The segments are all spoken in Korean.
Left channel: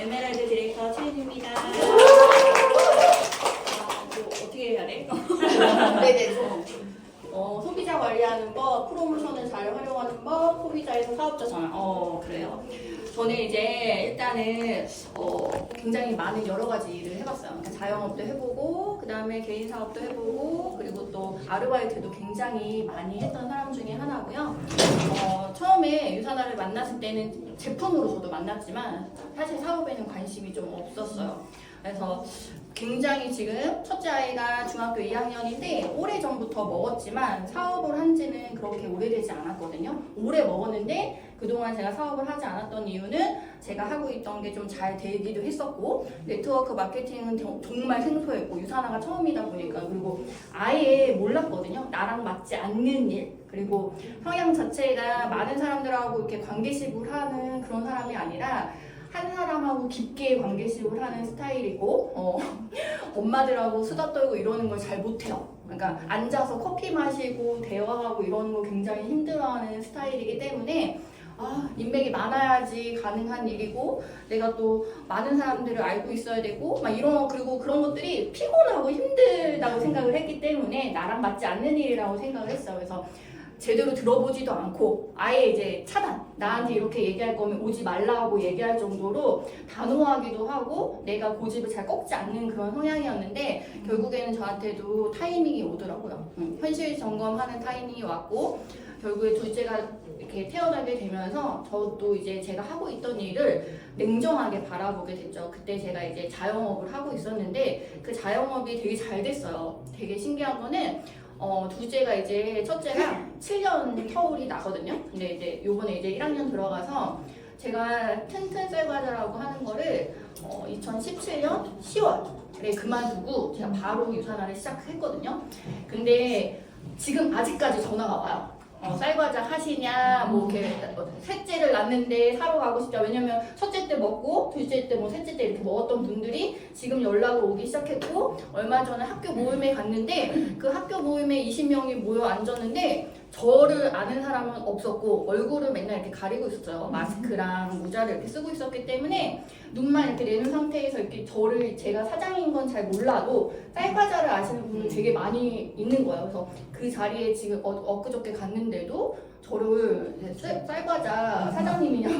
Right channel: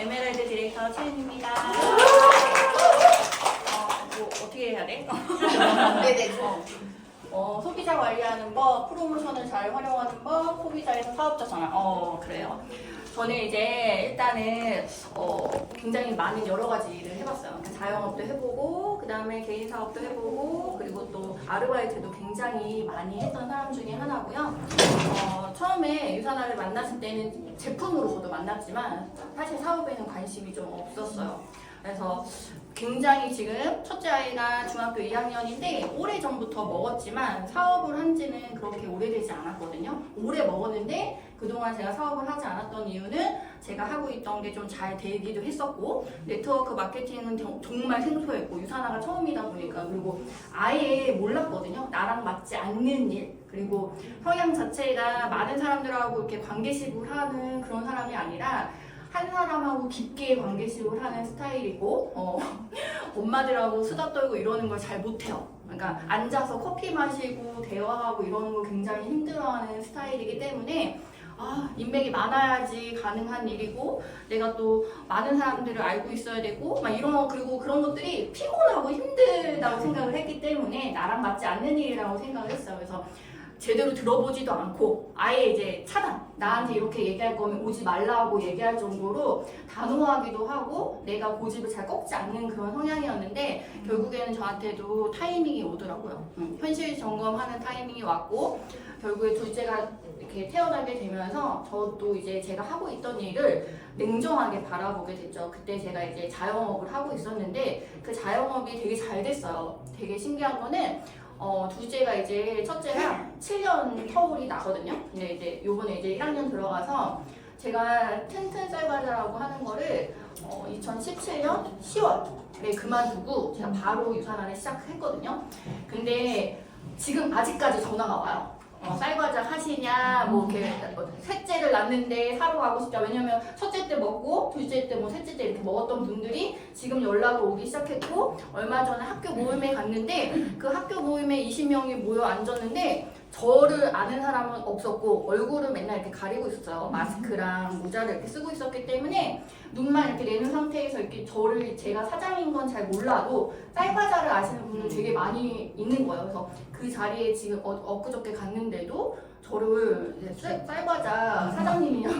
에메랄드 디렉터 채은입니다. 뭐 어떻게 해야 돼? 네네. 소비자 관리하는 법, 프로모션을 잘 활용하는 법, 소비자에서 사업자 전환. 그래요. 저는 이제 일단은 굉장히 많은 여러 가지 일을 해봤어요. 그러니까 자영업도 해보고, 그 다음에 개인 사업도 해보고, 그리고 또 아르바이트도 굉장히 많이 했던 사람 중에 하나고요. 처음에 유산화를 만났을 때는 제품으로 저도 만났지만 사실 사업에는 관심이 좀 없었어요. 그래서 굉장히 지금 첫째 아이가 중학교 2학년인데 오래전부터 먹었지만 사업을 한 지는 그렇게 오래되지 않았거든요. 오래 먹었는데 그동안 제가 사업을 하지 않았던 이유는 제가 하고 있던 게 좀 잘 되기도 했었고, 네트워크 마케팅은 정말 생소했고, 유산화가 처음이다 보니까, 그리고 아예 몰랐거든요. 나랑 맞지 않는 일, 그리고 성향 자체가 많은 사람들하고 이렇게 관계식을 하는 그런 사람이 아니라 한 사람하고 깊게 관계식을 하는 스타일이고, 엄마들하고 수다 떨고 이러는 걸 잘 못해요. 그러니까 앉아서 커피 마시고 대화하고 이러는 걸 굉장히 힘들어하는 스타일이기 때문에 인맥이 많아야지 가능한 일이고, 내가 또 많은 사람들을 알고 있어야 되고, 그리고 그런 것들이 피곤하고 힘들다고 생각을 했기 때문에 나랑 맞지 않는 일이라고 생각을 했어요. 그래서 제대로 들어보지도 않고 아예 이제 차단, 나한테 이렇게 얘기할 거면 오지 말라고 얘기할 정도로 단호하기도 하고 내가 고집을 잘 꺾지 않는 그런 성향이었는데, 결국에는 저한테도 타이밍이 오더라고요. 현실 점검하는 타이밍이 왔고, 결국에 둘째가 이렇게 태어나게 되면서 저도 이제 제가 하고 있던 일을 냉정하게 바라보게 됐죠. 그때 제가 이제 자영업을 하고 있었는데 그 자영업이 되게 잘 됐어요. 되게 신기한 거는 둘째가 이제 첫째랑 7년 터울이 나거든요. 근데 이제 요번에 이제 1학년 들어가서 제가 튼튼 쌀과자라고 하는 거를 2017년 10월에 그만두고 제가 바로 유산화를 시작했거든요. 근데 지금 아직까지 전화가 와요. 쌀과자 하시냐, 뭐 이렇게 셋째를 낳는데 사러 가고 싶다. 왜냐면 첫째 때 먹고 둘째 때 셋째 때 이렇게 먹었던 분들이 지금 연락을 오기 시작했고, 얼마 전에 학교 모임에 갔는데 그 학교 모임에 20명이 모여 앉았는데 저를 아는 사람은 없었고 얼굴을 맨날 이렇게 가리고 있었어요. 마스크랑 모자를 이렇게 쓰고 있었기 때문에 눈만 이렇게 내는 상태에서 이렇게 제가 사장인 건 잘 몰라도 쌀과자를 아시는 분은 되게 많이 있는 거예요. 그래서 그 자리에 지금 엊그저께 갔는데도 저를 쌀과자 사장님이냐고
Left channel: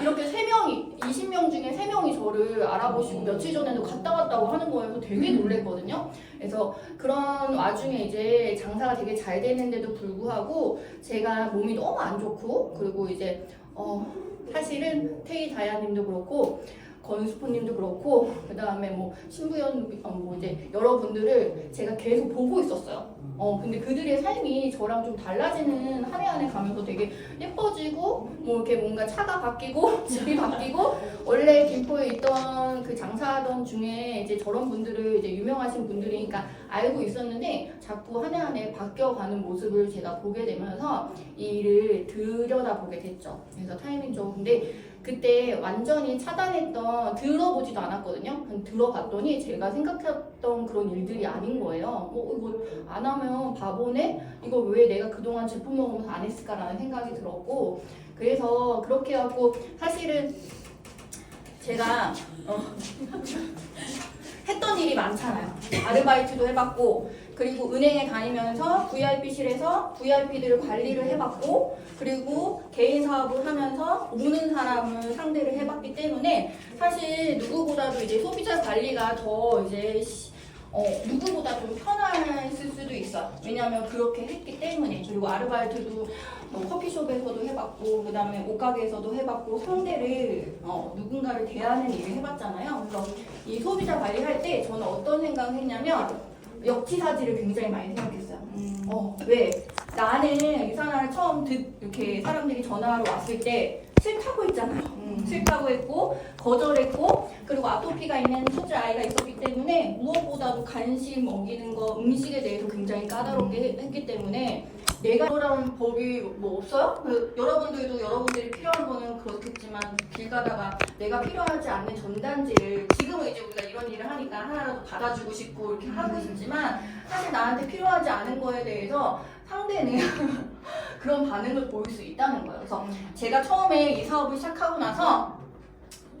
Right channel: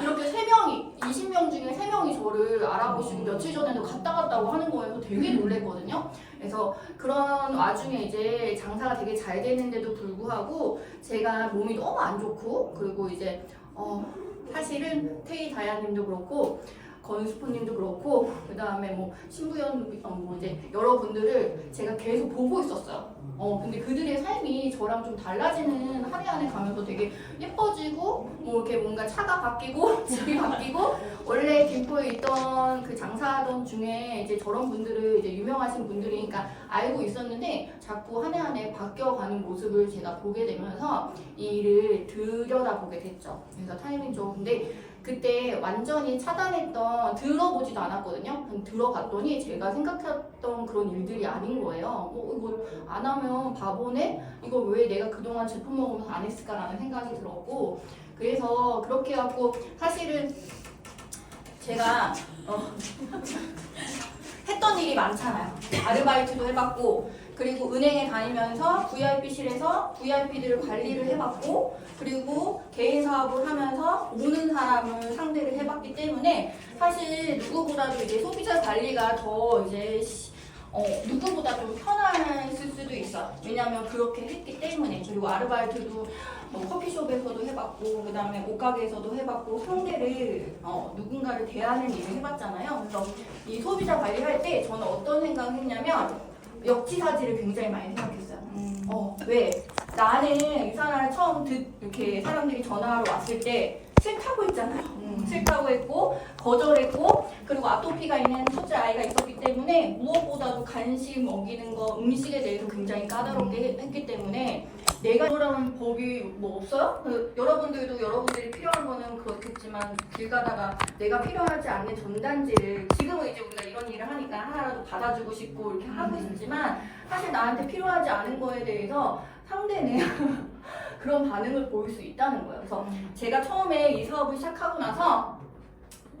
이렇게 3명이 20명 중에 3명이 저를 알아보시고 며칠 전에도 갔다 왔다고 하는 거여서 되게 놀랬거든요. 그래서 그런 와중에 이제 장사가 되게 잘 되는데도 불구하고 제가 몸이 너무 안 좋고, 그리고 이제 사실은 태희 다야님도 그렇고 건수포님도 그렇고, 그 다음에 뭐 신부연 이제 여러분들을 제가 계속 보고 있었어요. 근데 그들의 삶이 저랑 좀 달라지는 한 해 한 해 가면서 되게 예뻐지고, 뭐 이렇게 뭔가 차가 바뀌고 집이 바뀌고, 원래 김포에 있던 그 장사하던 중에 이제 저런 분들을 이제 유명하신 분들이니까 알고 있었는데 자꾸 한 해 한 해 바뀌어가는 모습을 제가 보게 되면서 이 일을 들여다보게 됐죠. 그래서 타이밍 좋은데 그때 완전히 차단했던, 들어보지도 않았거든요. 들어봤더니 제가 생각했던 그런 일들이 아닌 거예요. 이거 안 하면 바보네? 이거 왜 내가 그동안 제품 먹으면서 안 했을까라는 생각이 들었고, 그래서 그렇게 해갖고 사실은 제가 했던 일이 많잖아요. 아르바이트도 해봤고, 그리고 은행에 다니면서 VIP실에서 VIP들을 관리를 해봤고, 그리고 개인 사업을 하면서 오는 사람을 상대를 해봤기 때문에 사실 누구보다도 이제 소비자 관리가 더 이제 누구보다 좀 편했을 수도 있어요. 왜냐하면 그렇게 했기 때문에. 그리고 아르바이트도 커피숍에서도 해봤고, 그 다음에 옷가게에서도 해봤고, 상대를 누군가를 대하는 일을 해봤잖아요. 그래서 이 소비자 관리할 때 저는 어떤 생각을 했냐면 역지사지를 굉장히 많이 생각했어요. 왜? 나는 유산화를 처음 이렇게 사람들이 전화로 왔을 때 싫다고 했잖아요. 싫다고 했고 거절했고, 그리고 아토피가 있는 첫째 아이가 있었기 때문에 무엇보다도 간식 먹이는 거, 음식에 대해서 굉장히 까다롭게 했기 때문에 내가 그러라는 법이 뭐 없어요? 여러분들도 여러분들이 필요한 거는 그렇겠지만 길 가다가 내가 필요하지 않는 전단지를, 지금은 이제 우리가 이런 일을 하니까 하나라도 받아주고 싶고 이렇게 하고 싶지만 사실 나한테 필요하지 않은 거에 대해서 상대는 그런 반응을 보일 수 있다는 거예요. 그래서 제가 처음에 이 사업을 시작하고 나서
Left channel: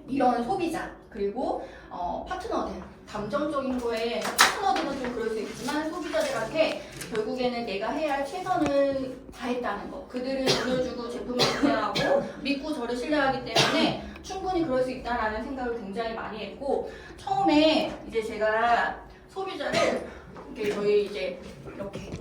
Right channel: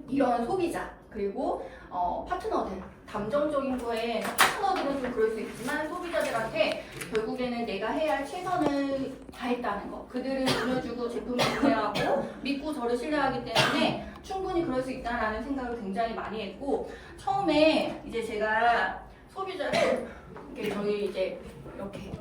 이런 소비자 그리고 파트너들 감정적인 거에 파트너들은 좀 그럴 수 있지만 소비자들한테 결국에는 내가 해야 할 최선을 다했다는 거 그들을 믿어주고 제품을 구매하고 믿고 저를 신뢰하기 때문에 충분히 그럴 수 있다라는 생각을 굉장히 많이 했고 처음에 이제 제가 소비자를 이렇게 저희 이제 이렇게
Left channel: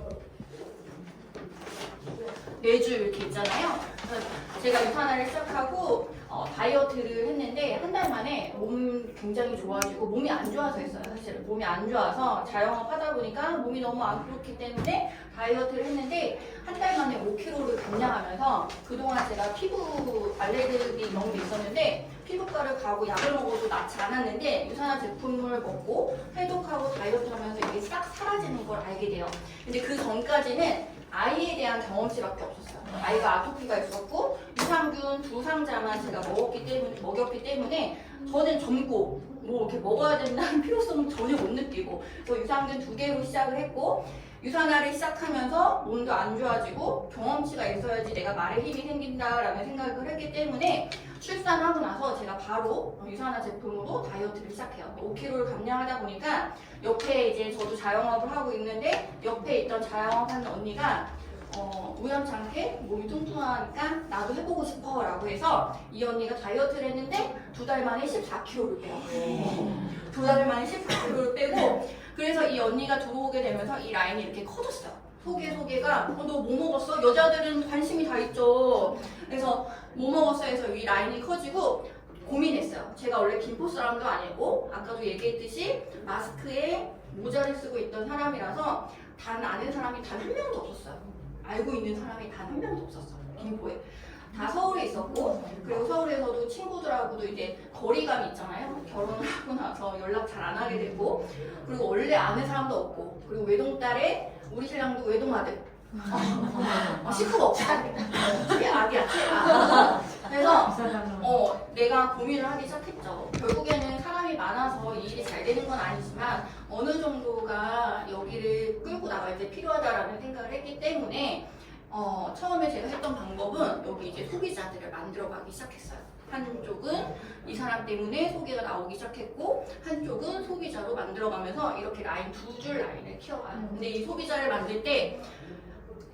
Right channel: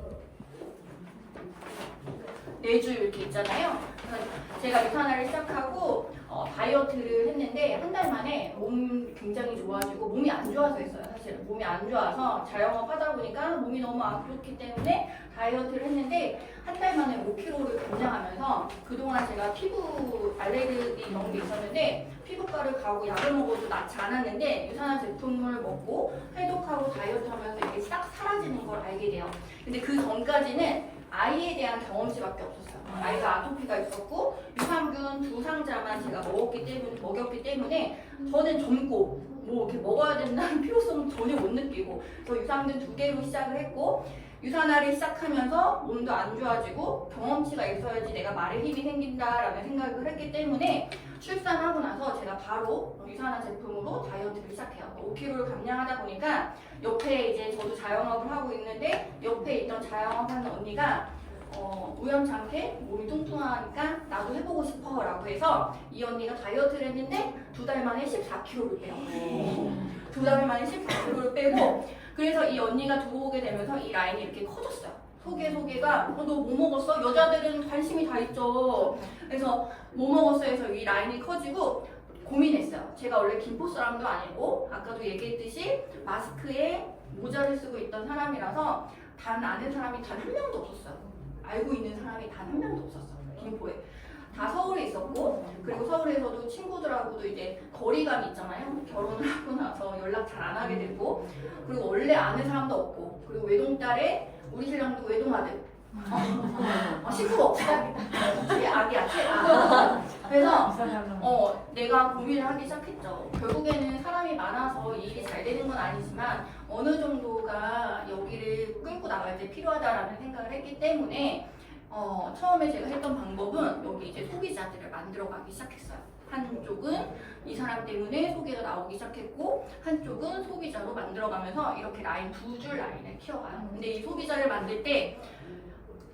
4주 이렇게 있잖아요. 그래서 제가 유산화를 시작하고 다이어트를 했는데 한 달 만에 몸 굉장히 좋아지고 몸이 안 좋아서 했어요. 사실은 몸이 안 좋아서 자영업 하다 보니까 몸이 너무 안 좋기 때문에 다이어트를 했는데 한 달 만에 5kg를 감량하면서 그동안 제가 피부 알레르기 이런 게 있었는데 피부과를 가고 약을 먹어도 낫지 않았는데 유산화 제품을 먹고 해독하고 다이어트하면서 이게 싹 사라지는 걸 알게 돼요. 근데 그 전까지는 아이에 대한 경험치밖에 없었어요. 아이가 아토피가 있었고 유산균 2상자만 제가 먹였기 때문에 저는 젊고 뭐 이렇게 먹어야 된다는 필요성은 전혀 못 느끼고 그래서 유산균 2개로 시작을 했고 유산화를 시작하면서 몸도 안 좋아지고 경험치가 있어야지 내가 말에 힘이 생긴다라는 생각을 했기 때문에 출산하고 나서 제가 바로 유산화 제품으로 다이어트를 시작해요. 5kg를 감량하다 보니까 옆에 이제 저도 자영업을 하고 있는데 옆에 있던 자영업하는 언니가 우연찮게 몸이 뚱뚱하니까 나도 해보고 싶어 라고 해서 이 언니가 다이어트를 했는데 2달 만에 14kg를 빼요. 2달 만에 14kg를 빼고 그래서 이 언니가 들어오게 되면서 이 라인이 이렇게 커졌어요. 소개가 너 뭐 먹었어? 여자들은 관심이 다 있죠. 그래서 뭐 먹었어 해서 이 라인이 커지고 고민했어요. 제가 원래 김포 사람도 아니고 아까도 얘기했듯이 마스크에 모자를 쓰고 있던 사람이라서 아는 사람이 단 한 명도 없었어요. 알고 있는 사람이 단 한 명도 없었어요. 김포에. 다 서울에 있었고 그리고 서울에서도 친구들하고도 이제 거리감이 있잖아요. 결혼을 하고 나서 연락 잘 안 하게 되고 그리고 원래 아는 사람도 없고 그리고 외동딸에 우리 신랑도 외동아들 식구가 없다. 그게 아기야. 그래서 내가 고민을 하기 시작했죠. 결국에는 사람이 많아서 이 일이 잘 되는 건 아니지만 어느 정도가 여기를 끌고 나갈 때 필요하다라는 생각을 했기 때문에 처음에 제가 했던 방법은 여기 이제 소비자들을 만들어가기 시작했어요. 한쪽은 이 사람 때문에 소개가 나오기 시작했고 한쪽은 소비자로 만들어가면서 이렇게 라인 2줄 라인을 키워가요. 근데 이 소비자를 만들 때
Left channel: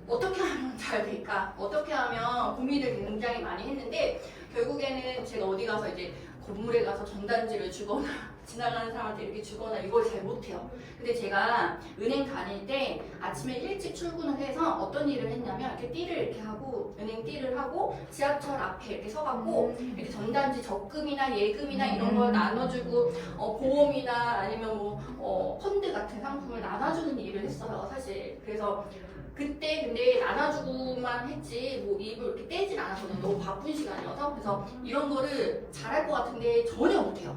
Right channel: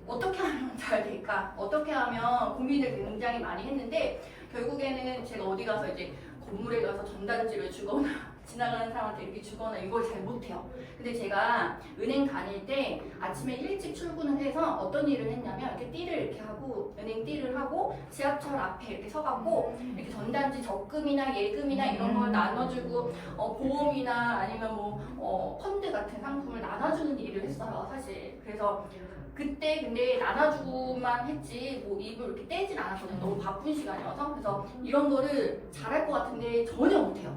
어떻게 하면 잘 될까? 어떻게 하면 고민을 굉장히 많이 했는데 결국에는 제가 어디 가서 이제 건물에 가서 전단지를 주거나 지나가는 사람한테 이렇게 주거나 이걸 잘 못해요. 근데 제가 은행 다닐 때 아침에 일찍 출근을 해서 어떤 일을 했냐면 이렇게 띠를 이렇게 하고 은행 띠를 하고 지하철 앞에 이렇게 서갖고 이렇게 전단지 적금이나 예금이나 이런 걸 나눠주고 보험이나 아니면 뭐 펀드 같은 상품을 나눠주는 일을 했어요. 사실 그래서 그때 근데 나눠주고만 했지 뭐 입을 이렇게 떼진 않았거든요. 너무 바쁜 시간이어서 그래서 이런 거를 잘할 것 같은데 전혀 못해요.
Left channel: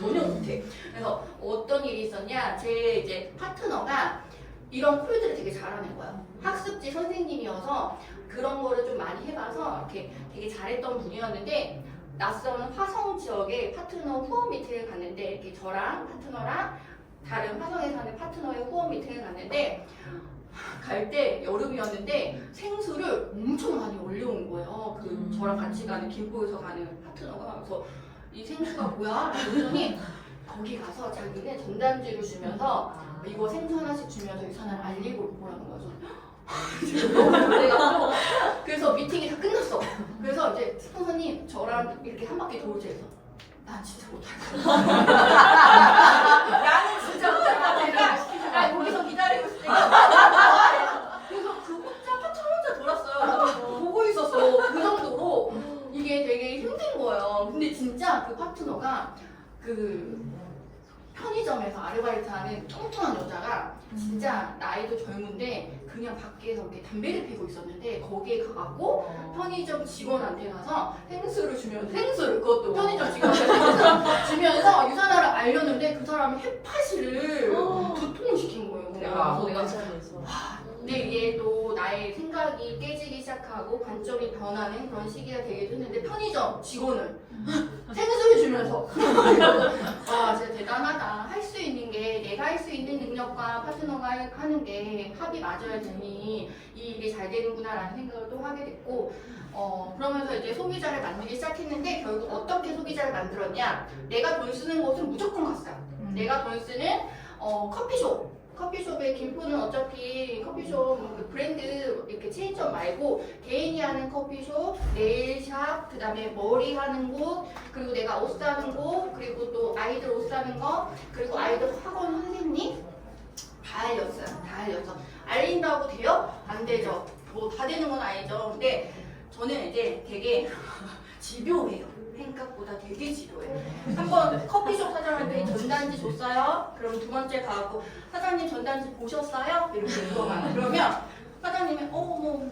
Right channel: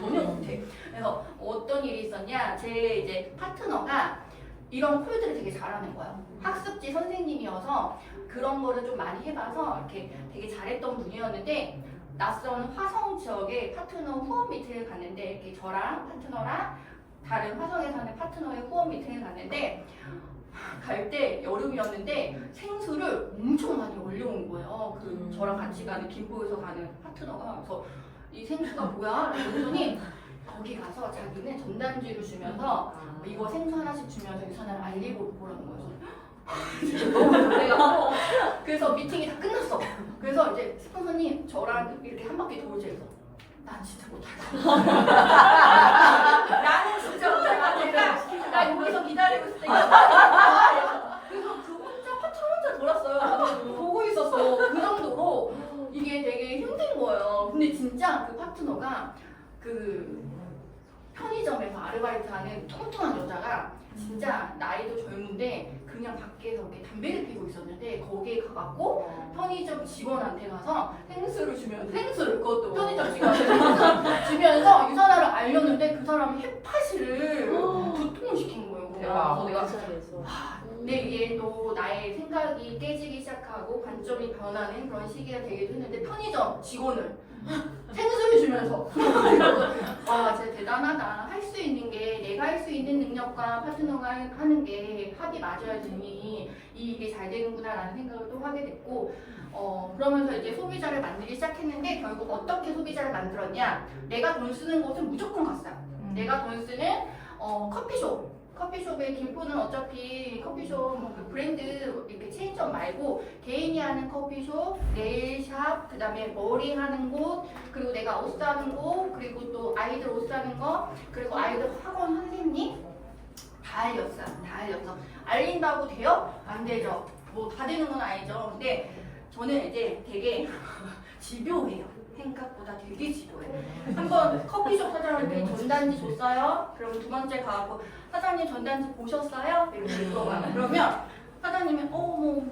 전혀 못해. 그래서 어떤 일이 있었냐 제 이제 파트너가 이런 콜들을 되게 잘하는 거예요. 학습지 선생님이어서 그런 거를 좀 많이 해봐서 이렇게 되게 잘했던 분이었는데 낯선 화성 지역에 파트너 후원 미팅을 갔는데 이렇게 저랑 파트너랑 다른 화성에 사는 파트너의 후원 미팅을 갔는데 갈 때 여름이었는데 생수를 엄청 많이 올려온 거예요. 그 저랑 같이 가는 김포에서 가는 파트너가 그래서 이 생수가 뭐야? 라고 했더니 거기 가서 자기는 전단지를 주면서 이거 생수 하나씩 주면서 유산을 알리고 오라는 거예요. 너무 놀래가지고 그래서 미팅이 다 끝났어. 그래서 이제 스폰서님 저랑 이렇게 한 바퀴 돌자 해서 난 진짜 못하겠어. 나는 진짜 못하겠어. 나 여기서 기다리고 있을 때 그래서 그 혼자 돌았어요. 보고 있었어. 그 정도로 이게 되게 힘든 거예요. 근데 진짜 그 파트너가 그 편의점에서 아르바이트하는 뚱뚱한 여자가 진짜 나이도 젊은데 그냥 밖에서 이렇게 담배를 피고 있었는데 거기에 가갖고 편의점 직원한테 가서 생수를 주면서 그것도 편의점 직원한테 주면서 유산화를 알렸는데 그 사람이 헤파시를 2통을 시킨 거예요. 그냥 그래서 내가 근데 이게 또 나의 생각이 깨지기 시작하고 관점이 변하는 그런 시기가 되기도 했는데 편의점 직원을 생수를 주면서 아 진짜 대단하다. 할 수 있는 게 내가 할 수 있는 능력과 파트너가 하는 게 합이 맞아야 되니 이게 잘 되는구나라는 생각을 또 하게 됐고 그러면서 이제 소비자를 만들기 시작했는데 결국 어떻게 소비자를 만들었냐? 내가 돈 쓰는 곳은 무조건 갔어요. 내가 돈 쓰는 커피숍의 김포는 어차피 커피숍 뭐 브랜드 이렇게 체인점 말고 개인이 하는 커피숍, 네일샵, 그 다음에 머리 하는 곳, 그리고 내가 옷 사는 곳, 그리고 또 아이들 옷 사는 거, 그리고 아이들 학원 선생님 다 알렸어요. 다 알렸어. 알린다고 돼요? 안 되죠. 뭐 다 되는 건 아니죠. 근데 저는 이제 되게 집요해요. 생각보다 되게 지루해. 한번 커피숍 사장님한테 전단지 줬어요? 그럼 두 번째 가고 사장님 전단지 보셨어요? 이렇게 물어봐요. 그러면 사장님이 뭐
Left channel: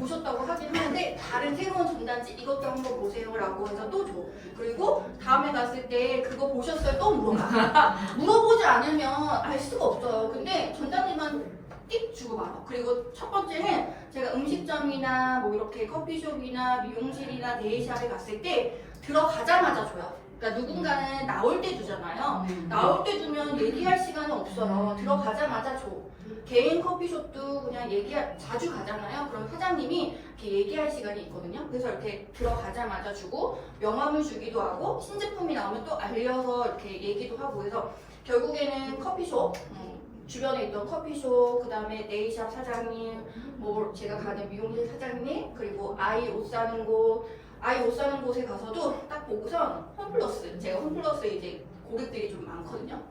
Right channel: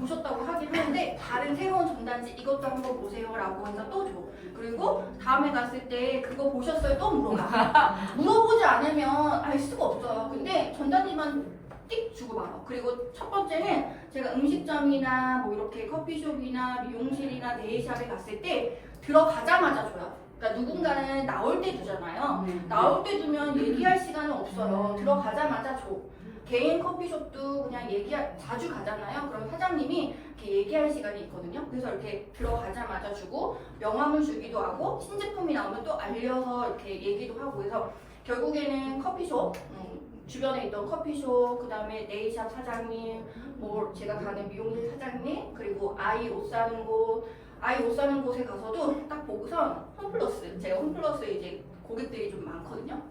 보셨다고 하긴 하는데 다른 새로운 전단지 이것도 한번 보세요라고 해서 또 줘. 그리고 다음에 갔을 때 그거 보셨어요? 또 물어봐. 물어보지 않으면 알 수가 없어요. 근데 전단지만 띡 주고 말아. 그리고 첫 번째는 제가 음식점이나 뭐 이렇게 커피숍이나 미용실이나 네일샵에 갔을 때 들어가자마자 줘요. 그러니까 누군가는 나올 때 주잖아요. 나올 때 주면 얘기할 시간은 없어요. 들어가자마자 줘. 개인 커피숍도 그냥 자주 가잖아요. 그럼 사장님이 이렇게 얘기할 시간이 있거든요. 그래서 이렇게 들어가자마자 주고 명함을 주기도 하고 신제품이 나오면 또 알려서 이렇게 얘기도 하고 그래서 결국에는 커피숍 주변에 있던 커피숍, 그 다음에 네일샵 사장님, 뭐 제가 가는 미용실 사장님, 그리고 아이 옷 사는 곳에 가서도 딱 보고선 홈플러스, 제가 홈플러스에 이제 고객들이 좀 많거든요.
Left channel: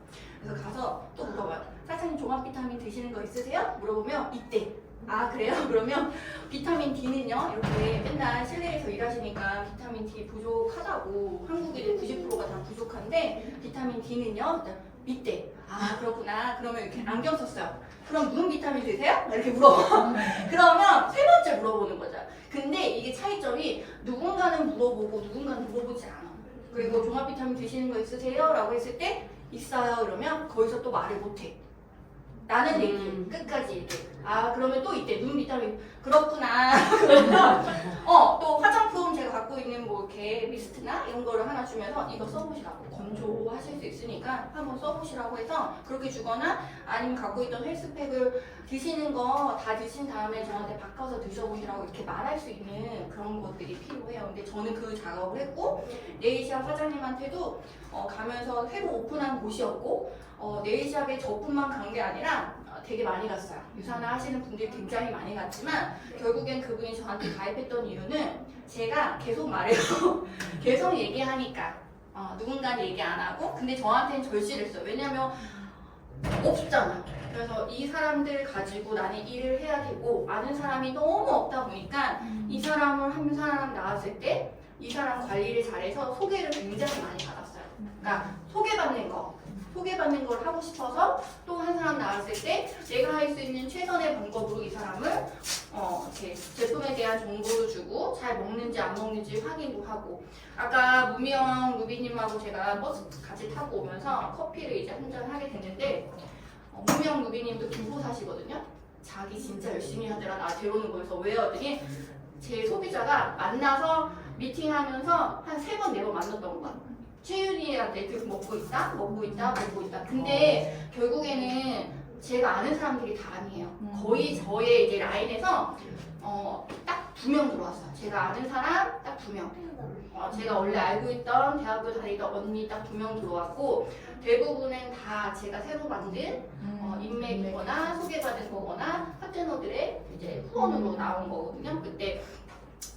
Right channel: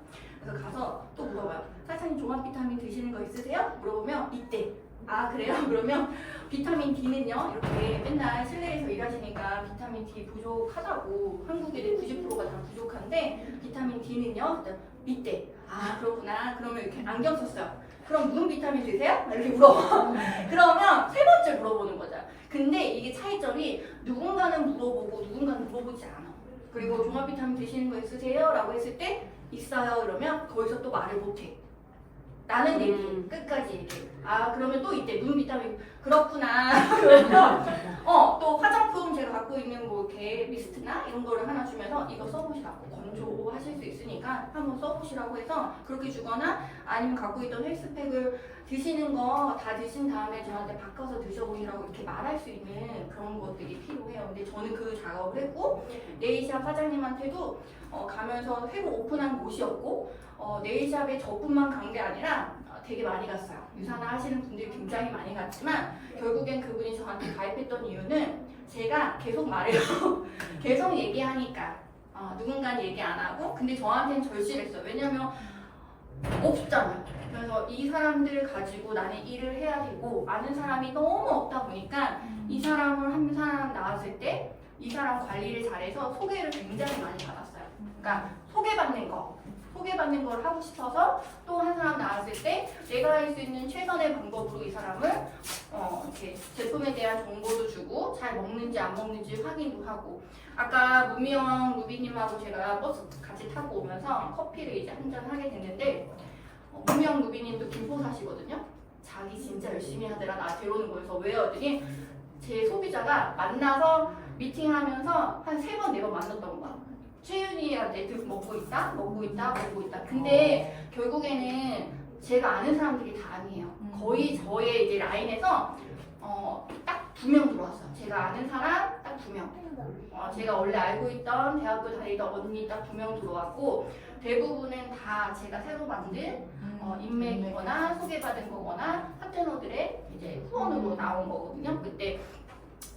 그래서 가서 또 물어봐요. 사장님 종합 비타민 드시는 거 있으세요? 물어보면 있대. 아 그래요? 그러면 비타민 D는요? 이렇게 맨날 실내에서 일하시니까 비타민 D 부족하다고 한국인의 90%가 다 부족한데 비타민 D는요? 있대. 아 그렇구나. 그러면 이렇게 안경 썼어요. 그럼 무슨 비타민 드세요? 이렇게 물어봐. 그러면 세 번째 물어보는 거죠. 근데 이게 차이점이 누군가는 물어보고 누군가는 물어보지 않아. 그리고 종합 비타민 드시는 거 있으세요? 라고 했을 때 있어요. 그러면 거기서 또 말을 못해. 나는 얘기 끝까지 얘기해. 아 그러면 또 이때 눈 비타민 그렇구나. 그러면 또 화장품 제가 갖고 있는 뭐 이렇게 미스트나 이런 거를 하나 주면서 이거 써보시라고 건조하실 수 있으니까 한번 써보시라고 해서 그렇게 주거나 아니면 갖고 있던 헬스팩을 드시는 거 다 드신 다음에 저한테 바꿔서 드셔보시라고 이렇게 말할 수 있는 그런 것들이 필요해요. 근데 저는 그 작업을 했고 네일샵 사장님한테도 가면서 새로 오픈한 곳이었고 네일샵에 저뿐만 간 게 아니라 되게 많이 갔어요. 유산화 하시는 분들이 굉장히 많이 갔지만 결국엔 그분이 저한테 가입했던 이유는 제가 계속 말해요. 계속 얘기하니까 누군가는 얘기 안 하고 근데 저한테는 절실했어요. 왜냐면 없잖아. 그래서 이 사람들 가지고 나는 일을 해야 되고 아는 사람이 너무 없다 보니까 이 사람을 한 사람 나왔을 때 이 사람 관리를 잘해서 소개를 굉장히 많이 받았어요. 그러니까 소개받는 걸 하고 싶어서 또 한 사람 나왔을 때 내가 할 수 있는 최선의 방법으로 이 사람을 이렇게 제품에 대한 정보도 주고 잘 먹는지 안 먹는지 확인도 하고 아까 무명 루비님하고 제가 버스 같이 타고 오면서 커피를 이제 한 잔 하게 됐는데 무명 루비님도 김포 사시거든요. 자기 진짜 열심히 하더라 나 데려오는 거여서 왜요? 했더니 제 소비자가 만나서 미팅하면서 한 3번, 4번 만났던 거야. 채윤이한테 먹고 있다. 근데 결국에는 제가 아는 사람들이 다 아니에요. 거의 저의 이제 라인에서 딱 2명 들어왔어요. 제가 아는 사람 딱 2명. 제가 원래 알고 있던 대학교 다니던 언니 딱 2명 들어왔고 대부분은 다 제가 새로 만든 인맥이거나 소개받은 거거나 파트너들의 이제 후원으로 나온 거거든요.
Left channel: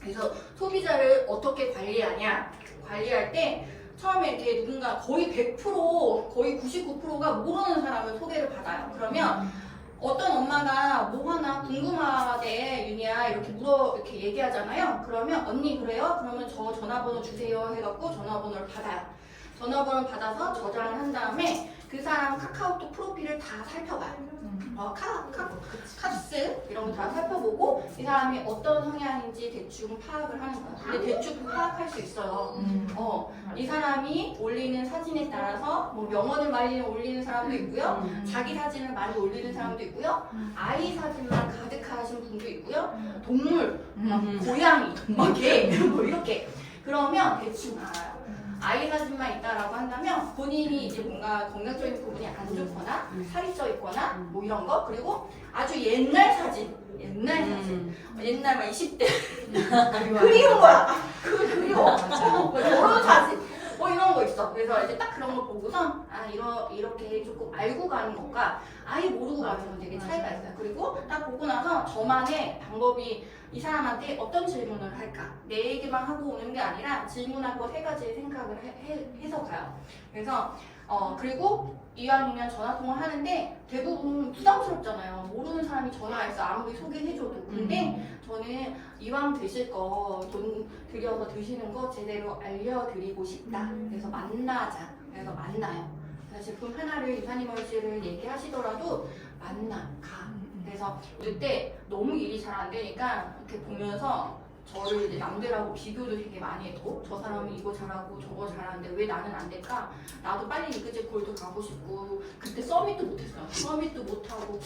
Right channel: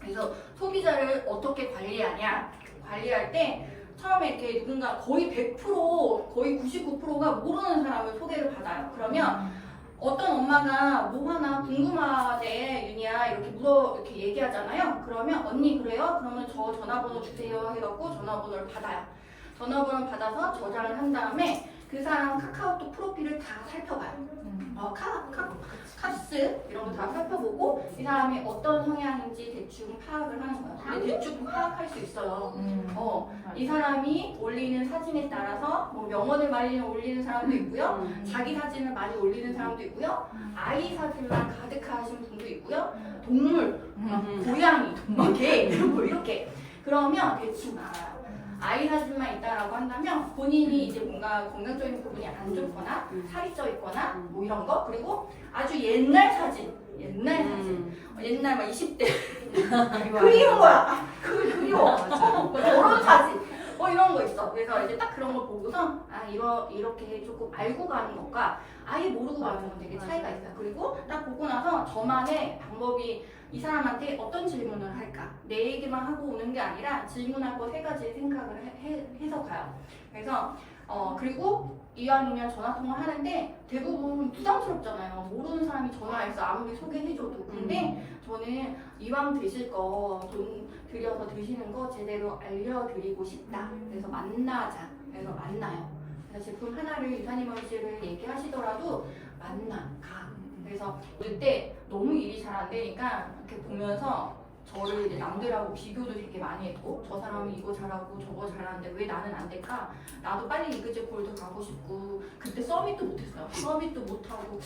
그래서 소비자를 어떻게 관리하냐? 관리할 때 처음에 이렇게 누군가 거의 100%, 거의 99%가 모르는 사람을 소개를 받아요. 그러면 어떤 엄마가 뭐 하나 궁금하대, 윤희야, 이렇게 얘기하잖아요. 그러면 언니 그래요? 그러면 저 전화번호 주세요 해갖고 전화번호를 받아요. 전화번호를 받아서 저장을 한 다음에 그 사람 카카오톡 프로필을 다 살펴봐요. 카스 이런 거 다 살펴보고 이 사람이 어떤 성향인지 대충 파악을 하는 거예요. 근데 대충 파악할 수 있어요. 이 사람이 올리는 사진에 따라서 뭐 명언을 많이 올리는 사람도 있고요. 자기 사진을 많이 올리는 사람도 있고요. 아이 사진만 가득하신 분도 있고요. 동물, 고양이, 개, 뭐 이렇게. 그러면 대충 알아요. 아이 사진만 있다라고 한다면 본인이 이제 뭔가 건강적인 부분이 안 좋거나 살이 쪄 있거나 뭐 이런 거 그리고 아주 옛날 사진 옛날 사진. 옛날 막 20대 그리운 거야. 그리워. 결혼 사진. 뭐 이런 거 있어. 그래서 이제 딱 그런 거 보고서 이렇게 조금 알고 가는 것과 아예 모르고 가는 건 되게 차이가 있어요. 그리고 딱 보고 나서 저만의 방법이 이 사람한테 어떤 질문을 할까? 내 얘기만 하고 오는 게 아니라 질문할 거 3가지 생각을 해서 가요. 그래서 그리고 이왕이면 전화통화를 하는데 대부분 부담스럽잖아요. 모르는 사람이 전화해서 아무리 소개해줘도. 근데 저는 이왕 드실 거 돈 들여서 드시는 거 제대로 알려드리고 싶다. 그래서 만나자. 그래서 만나요. 그래서 제품 하나를 유산균 멀씨를 얘기하시더라도 가. 그래서 그때 너무 일이 잘 안 되니까 이렇게 보면서 저를 이제 남들하고 비교도 되게 많이 했고 저 사람은 이거 잘하고 저거 잘하는데 왜 나는 안 될까? 나도 빨리 이그제 골드 가고 싶고 그때 서밋도 못했어요. 서밋도 못하고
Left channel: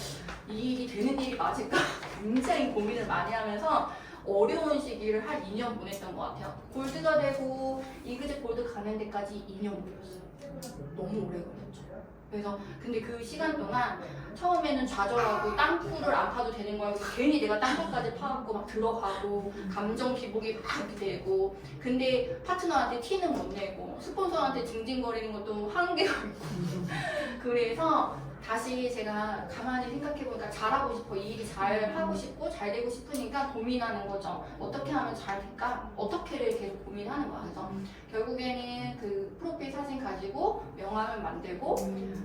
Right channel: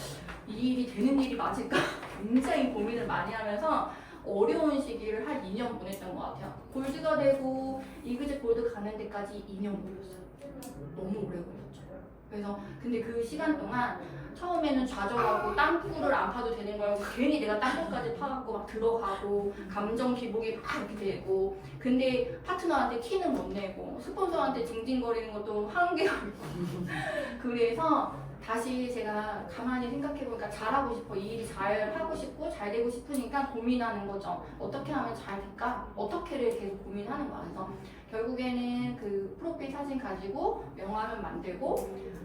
이 일이 되는 일이 맞을까? 굉장히 고민을 많이 하면서 어려운 시기를 한 2년 보냈던 것 같아요. 골드가 되고 이그제 골드 가는 데까지 2년 걸렸어요. 너무 오래 걸렸죠. 그래서 근데 그 시간 동안 처음에는 좌절하고 땅굴을 안 파도 되는 거예요. 괜히 내가 땅굴까지 파갖고 막 들어가고 감정 기복이 막 이렇게 되고 근데 파트너한테 티는 못 내고 스폰서한테 징징거리는 것도 한계가 있고 그래서 다시 제가 가만히 생각해보니까 잘하고 싶어. 이 일이 잘 하고 싶고 잘 되고 싶으니까 고민하는 거죠. 어떻게 하면 잘 될까? 어떻게를 계속 고민하는 거야. 그래서 결국에는 그 프로필 사진 가지고 명함을 만들고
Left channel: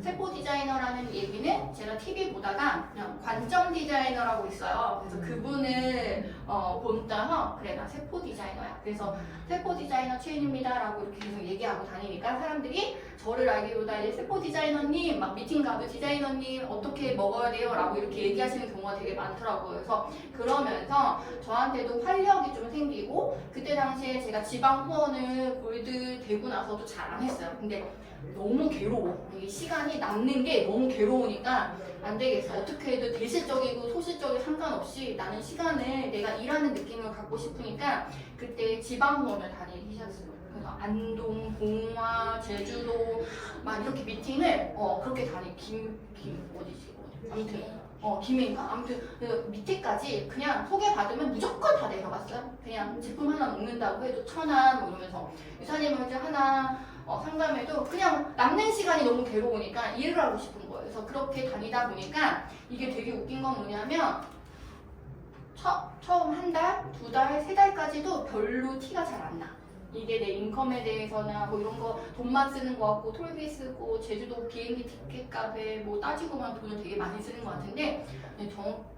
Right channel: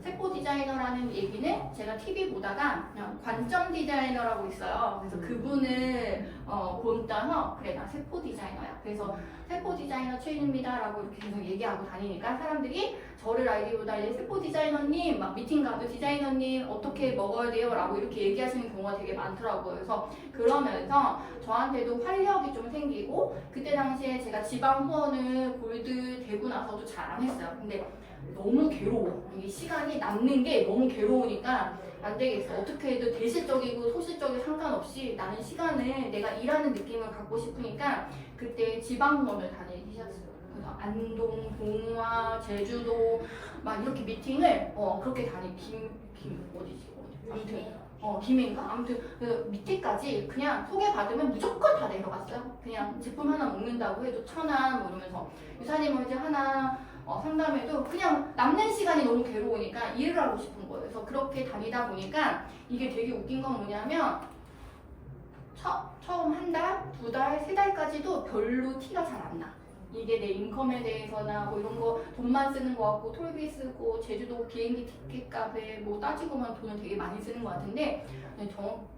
세포 디자이너라는 얘기는 제가 TV 보다가 그냥 관점 디자이너라고 있어요. 그래서 그분을 본따서 그래 나 세포 디자이너야. 그래서 세포 디자이너 최인입니다 라고 이렇게 계속 얘기하고 다니니까 사람들이 저를 알기보다 이제 세포 디자이너님 막 미팅 가도 디자이너님 어떻게 먹어야 돼요? 라고 이렇게 얘기하시는 경우가 되게 많더라고요. 그래서 그러면서 저한테도 활력이 좀 생기고 그때 당시에 제가 지방 후원을 골드 되고 나서도 잘 안 했어요. 근데 너무 괴로워. 이 시간이 남는 게 너무 괴로우니까 안 되겠어. 어떻게 해도 대실적이고 소실적이 상관없이 나는 시간을 내가 일하는 느낌을 갖고 싶으니까 그때 지방 후원을 다니기 시작했어요. 그래서 안동, 봉화, 제주도 막 이렇게 미팅을 그렇게 어디지? 아무튼 김해인가? 아무튼 그래서 밑에까지 그냥 소개받으면 무조건 다 내려갔어요. 그냥 제품 하나 먹는다고 해도 1,000원 뭐 이러면서 유사님한테 하나 상담해도 그냥 남는 시간이 너무 괴로우니까 일을 하고 싶은 거예요. 그래서 그렇게 다니다 보니까 이게 되게 웃긴 건 뭐냐면 처음 1달, 2달, 3달까지도 별로 티가 잘 안 나. 이게 내 인컴에 대해서나 뭐 이런 거 돈만 쓰는 거 같고 톨비 쓰고 제주도 비행기 티켓 값에 뭐 따지고만 돈을 되게 많이 쓰는 것 같은데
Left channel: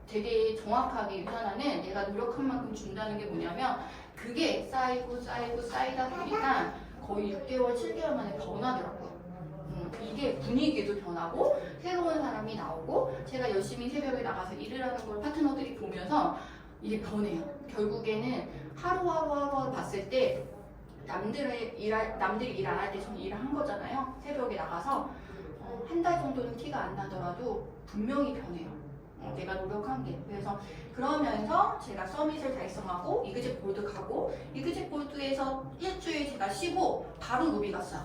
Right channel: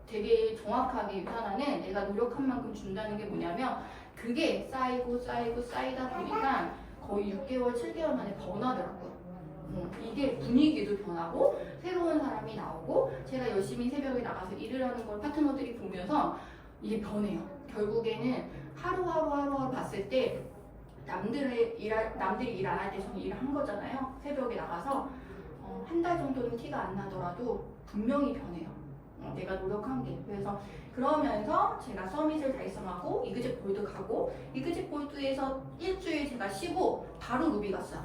되게 정확하게 유산화는 내가 노력한 만큼 준다는 게 뭐냐면 그게 쌓이다 보니까 거의 6개월, 7개월 만에 변하더라고요. 이게 분위기도 변하고 새로운 사람이 나오고 제가 열심히 새벽에 나가서 일을 하는 걸 파트너들이 보면서 이게 변해요. 결국에는 하루하루 봤을 때 남들이 일 안 할 때 저는 일을 한 거잖아요. 새벽에 나가서 1달 정도는 티가 안 나더라도 분명히 변해요. 내가 노력한 게. 그래서 그러면서 제가 서밋을 달성하고 이그제 골드 가고 이그제 골드에서 일주일 제가 쉬고 바로 루비 갔어요.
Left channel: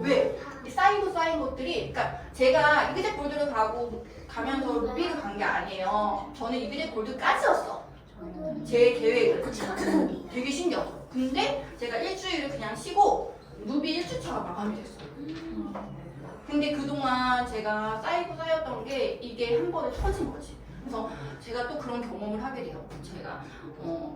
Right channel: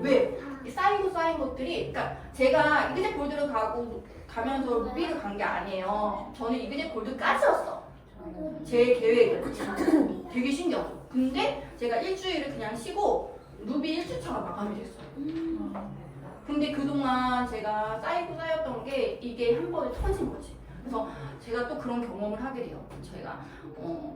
왜? 쌓인 것들이 그러니까 제가 이그제 골드를 가면서 루비를 간 게 아니에요. 저는 이그제 골드까지였어. 제 계획은 되게 신기하죠. 근데 제가 일주일을 그냥 쉬고 루비 1주차가 마감이 됐어요. 근데 그동안 제가 쌓였던 게 이게 한 번에 터진 거지. 그래서 제가 또 그런 경험을 하게 돼요. 제가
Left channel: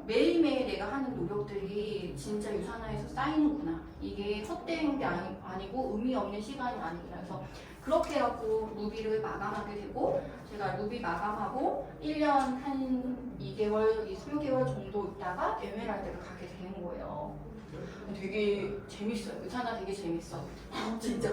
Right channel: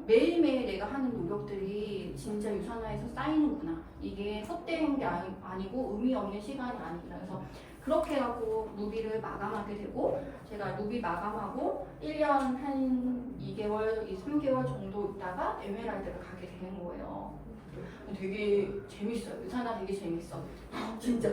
매일매일 내가 하는 노력들이 진짜 유산화에서 쌓이는구나. 이게 헛된 게 아니고 의미 없는 시간이 아니구나. 그래서 그렇게 해갖고 루비를 마감하게 되고 제가 루비 마감하고 1년 한 2개월, 3개월 정도 있다가 에메랄드를 가게 되는 거예요. 되게 재밌어요. 유산화 되게 재밌어. 진짜.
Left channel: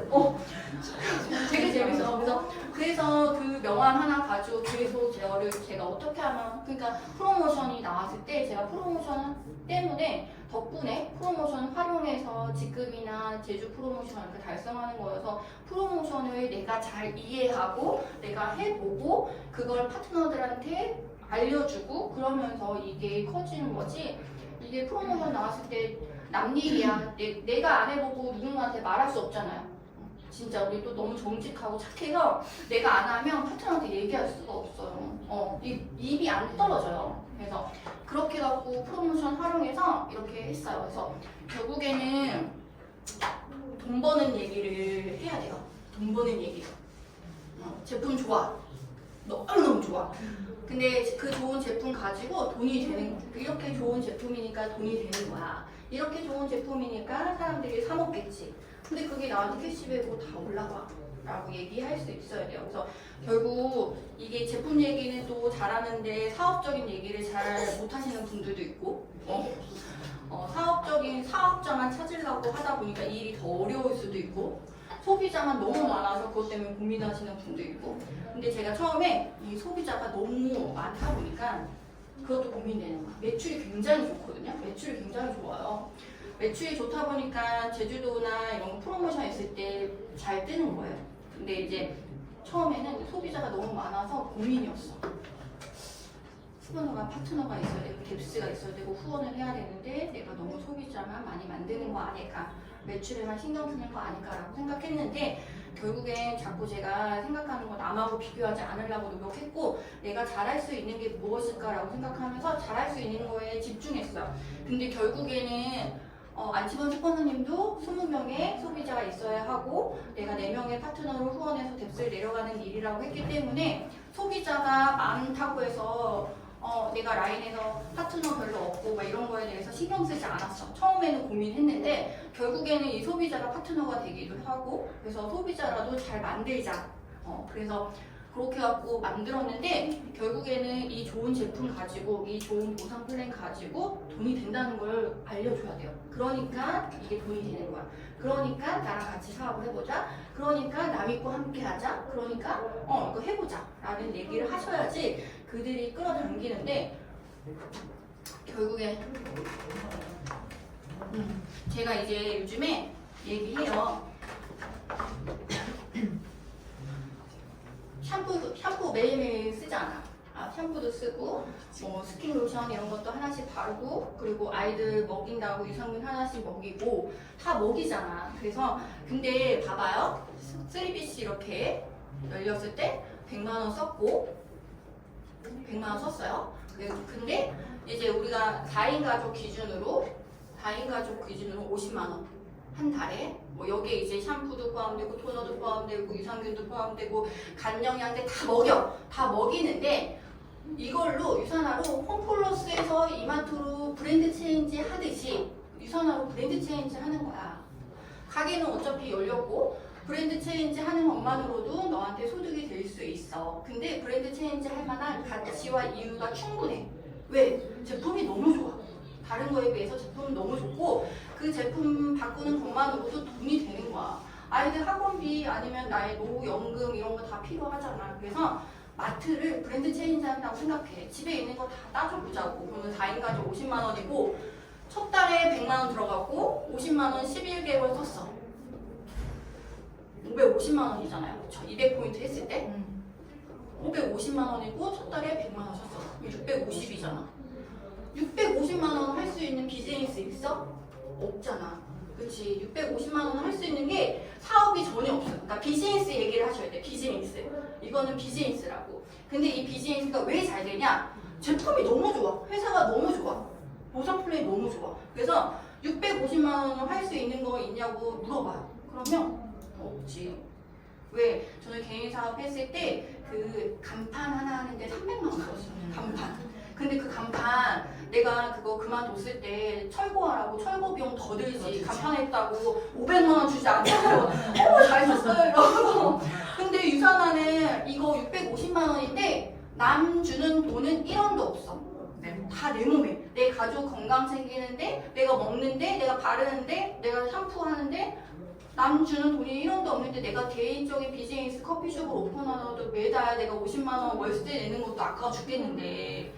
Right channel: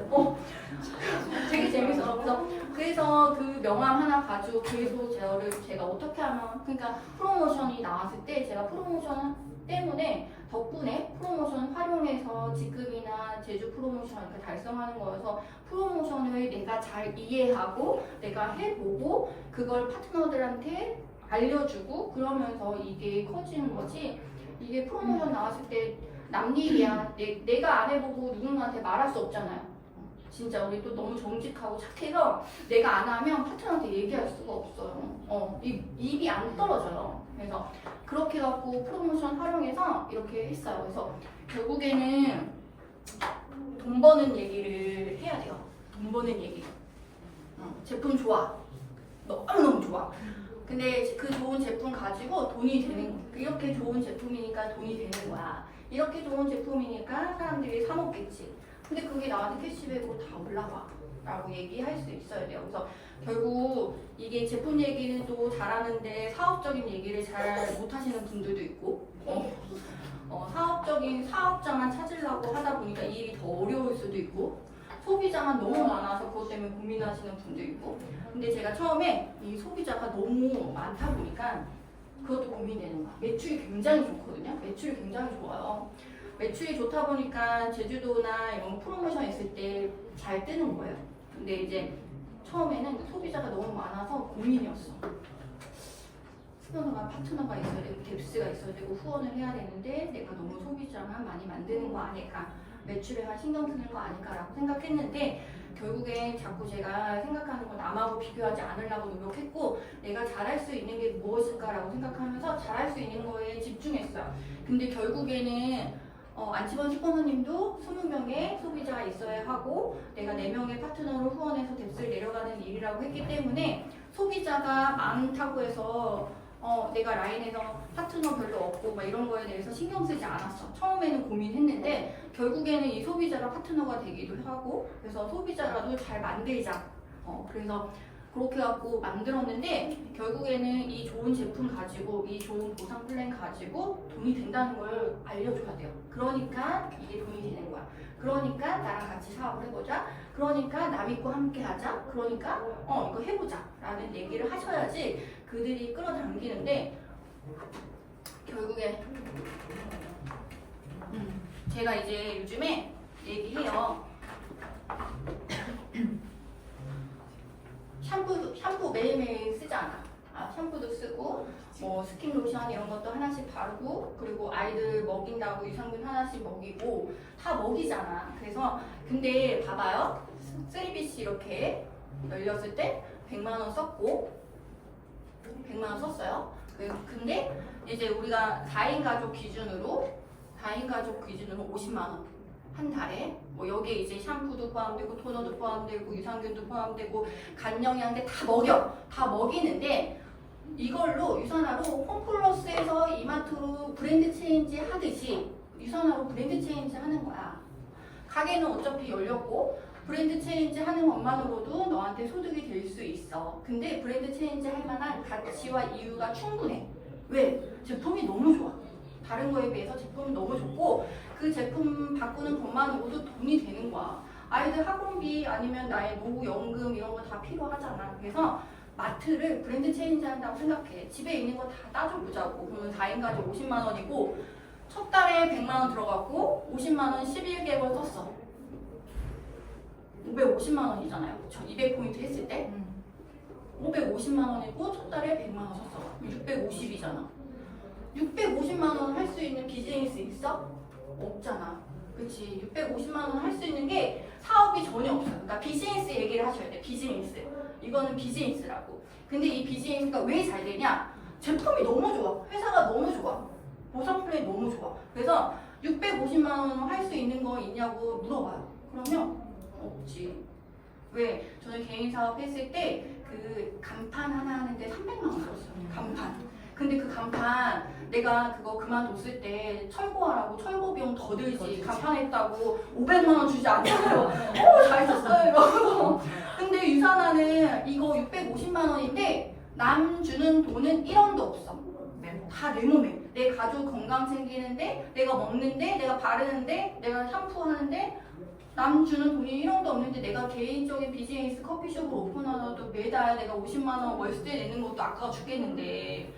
되게 재밌어. 그래서 그 명함 하나 가지고 계속 제가 어떻게 하면 그러니까 프로모션이 나왔을 때 제가 프로모션 때문에 덕분에 프로모션 활용해서 직급이나 제주 프로모션 이렇게 달성하는 거여서 프로모션을 내가 잘 이해하고 내가 해보고 그걸 파트너들한테 알려주고 그러면서 이게 커지는 거지. 이게 프로모션 나왔을 때 남 일이야. 내가 안 해보고 누군가한테 말할 수 없잖아요. 진짜 우리 또 너무 정직하고 착해서 내가 안 하면 파트너한테 얘기할 수가 없어요. 입이 안 떨어져요. 그래서 그렇게 갖고 프로모션 활용해서 이렇게 했어요. 그래서 결국에는 돈 버는 얘기를 해야 돼요. 돈 버는 얘기. 제품 좋아. 너무너무 좋아. 근데 그 좋은 제품 가지고 돈이 되는 거. 이렇게 좋은 제품이니까 돈이 되는 거야. 이렇게 좋은 제품이니까 사람들이 사 먹겠지. 근데 그게 나한테 캐시백으로 다 올라와. 라고 얘기할 수 있어야 돼요. 그래서 결국 이게 제품 얘기는 또 잘하는데 사업적인 얘기를 잘 못하시는 분들도 있고, 사업적인 사업자만 찾으려고 하다 보니까 이 일이 더 어려울 수도 있고, 소비자만 너무 많아서 그것 때문에 고민하시는 분도 있고. 근데 제가 처음에 이 소비자가 너무 많다 보니까 그것도 고민되는 거야. 매출이 굉장히 좋거든요. 매출이 굉장히 좋아요. 매출이 좋다 보니까 제주도나 이런 거 프로모션 했을 때 잘 뜨는 거예요. 근데 이제 처음에는 소비자가 너무 많아서 고민이었어. 후원과 파트너가 있어야 되고 뎁스가 있어야 되고 후원을 해야 되는데 내가 너무 소비자만 많이 만드는 거 아닐까, 매출에만 신경 쓰는 거 아닐까라고 생각했는데 결국엔 자꾸 제가 생각하는 건 남하고 비교하지 않으려고 노력했고 내가 잘할 수 있는 게 무엇일까라고 생각하면서 잘할 수 있는 거에 집중했어요. 근데 결국에는 안치원 스포너님도 20명의 소비자가 있어야 하고 내가 4명의 파트너로 후원해서 뎁스를 내려가는 일이라고 했기 때문에 소비자가 많다고 해서 내가 라인에서 파트너 별로 없고 막 이런 거에 대해서 신경 쓰지 않았어. 처음에는 고민했는데 결국에는 이 소비자가 파트너가 되기도 하고 그래서 소비자라도 잘 만들자. 그래서 그렇게 갖고 만들었는데 결국에는 이 좋은 제품 가지고 이 좋은 보상 플랜 가지고 돈이 된다는 걸 알려줘야 돼요. 그러니까 이게 돈이 되는 거야. 그러니까 나랑 같이 사업을 해보자. 그러니까 나 믿고 함께 하자. 그러니까 이거 해보자 라는 얘기를 하셔야지 그들이 끌어당기는데 결국엔 제가 이제 요즘에 얘기해요. 샴푸 매일매일 쓰잖아. 샴푸도 쓰고 뭐 스킨 로션 이런 것도 하나씩 바르고 그리고 아이들 먹인다고 유산균 하나씩 먹이고 다 먹이잖아. 그래서 근데 봐봐요. 3BC 이렇게 열렸을 때 100만 원 썼고 100만 원 썼어요. 근데 이제 우리가 4인 가족 기준으로 50만 원 한 달에 뭐 여기에 이제 샴푸도 포함되고 토너도 포함되고 유산균도 포함되고 간영양제 다 먹이는데 이걸로 유산화로 홈플러스에서 이마트로 브랜드 체인지 하듯이 유산화로 브랜드 체인지 하는 거야. 가게는 어차피 열렸고 브랜드 체인지 하는 것만으로도 너한테 소득이 될 수 있어. 근데 브랜드 체인지 할 만한 가치와 이유가 충분해. 왜? 제품이 너무 좋아. 다른 거에 비해서 제품은 너무 좋고 그 제품 바꾸는 것만으로도 돈이 되는 거야. 아이들 학원비 아니면 나의 노후연금 이런 거 다 필요하잖아. 그래서 마트를 브랜드 체인지 한다고 생각해. 집에 있는 거 다 따져보자고. 그러면 4인 가족 50만 원이고 첫 달에 100만 원 들어가고 50만 원 11개월 썼어. 550만 원이잖아요. 그쵸? 200포인트 했을 때 550만 원이고 첫 달에 100만 원 썼어. 650이잖아. 650만 원 할 수 있는 비즈니스 있어? 없잖아. 그치? 650만 원 할 수 있는 게 사업이 전혀 없어. 그러니까 비즈니스 얘기를 하셔야 돼. 비즈니스. 이거는 비즈니스라고. 근데 이 비즈니스가 왜 잘 되냐? 제품이 너무 좋아. 회사가 너무 좋아. 보상 플랜이 너무 좋아. 그래서 650만 원 할 수 있는 거 있냐고 물어봐요. 그러면 없지. 왜? 저는 개인 사업 했을 때 그 간판 하나 하는데 300만 원 들었어요. 간판. 근데 그 간판 내가 그거 그만뒀을 때 철거하라고 철거 비용 더 들지. 간판 했다고 500만 원 주지 않아요. 잘 썼어요 이러고. 근데 유산화는 이거 650만 원인데 남 주는 돈은 1원도 없어. 다 내 몸에. 내 가족 건강 챙기는데 내가 먹는데 내가 바르는데 내가 샴푸하는데 남 주는 돈이 1원도 없는데 내가 개인적인 비즈니스 커피숍을 오픈하더라도 매달 내가 50만 원 월세 내는 것도 아까워 죽겠는데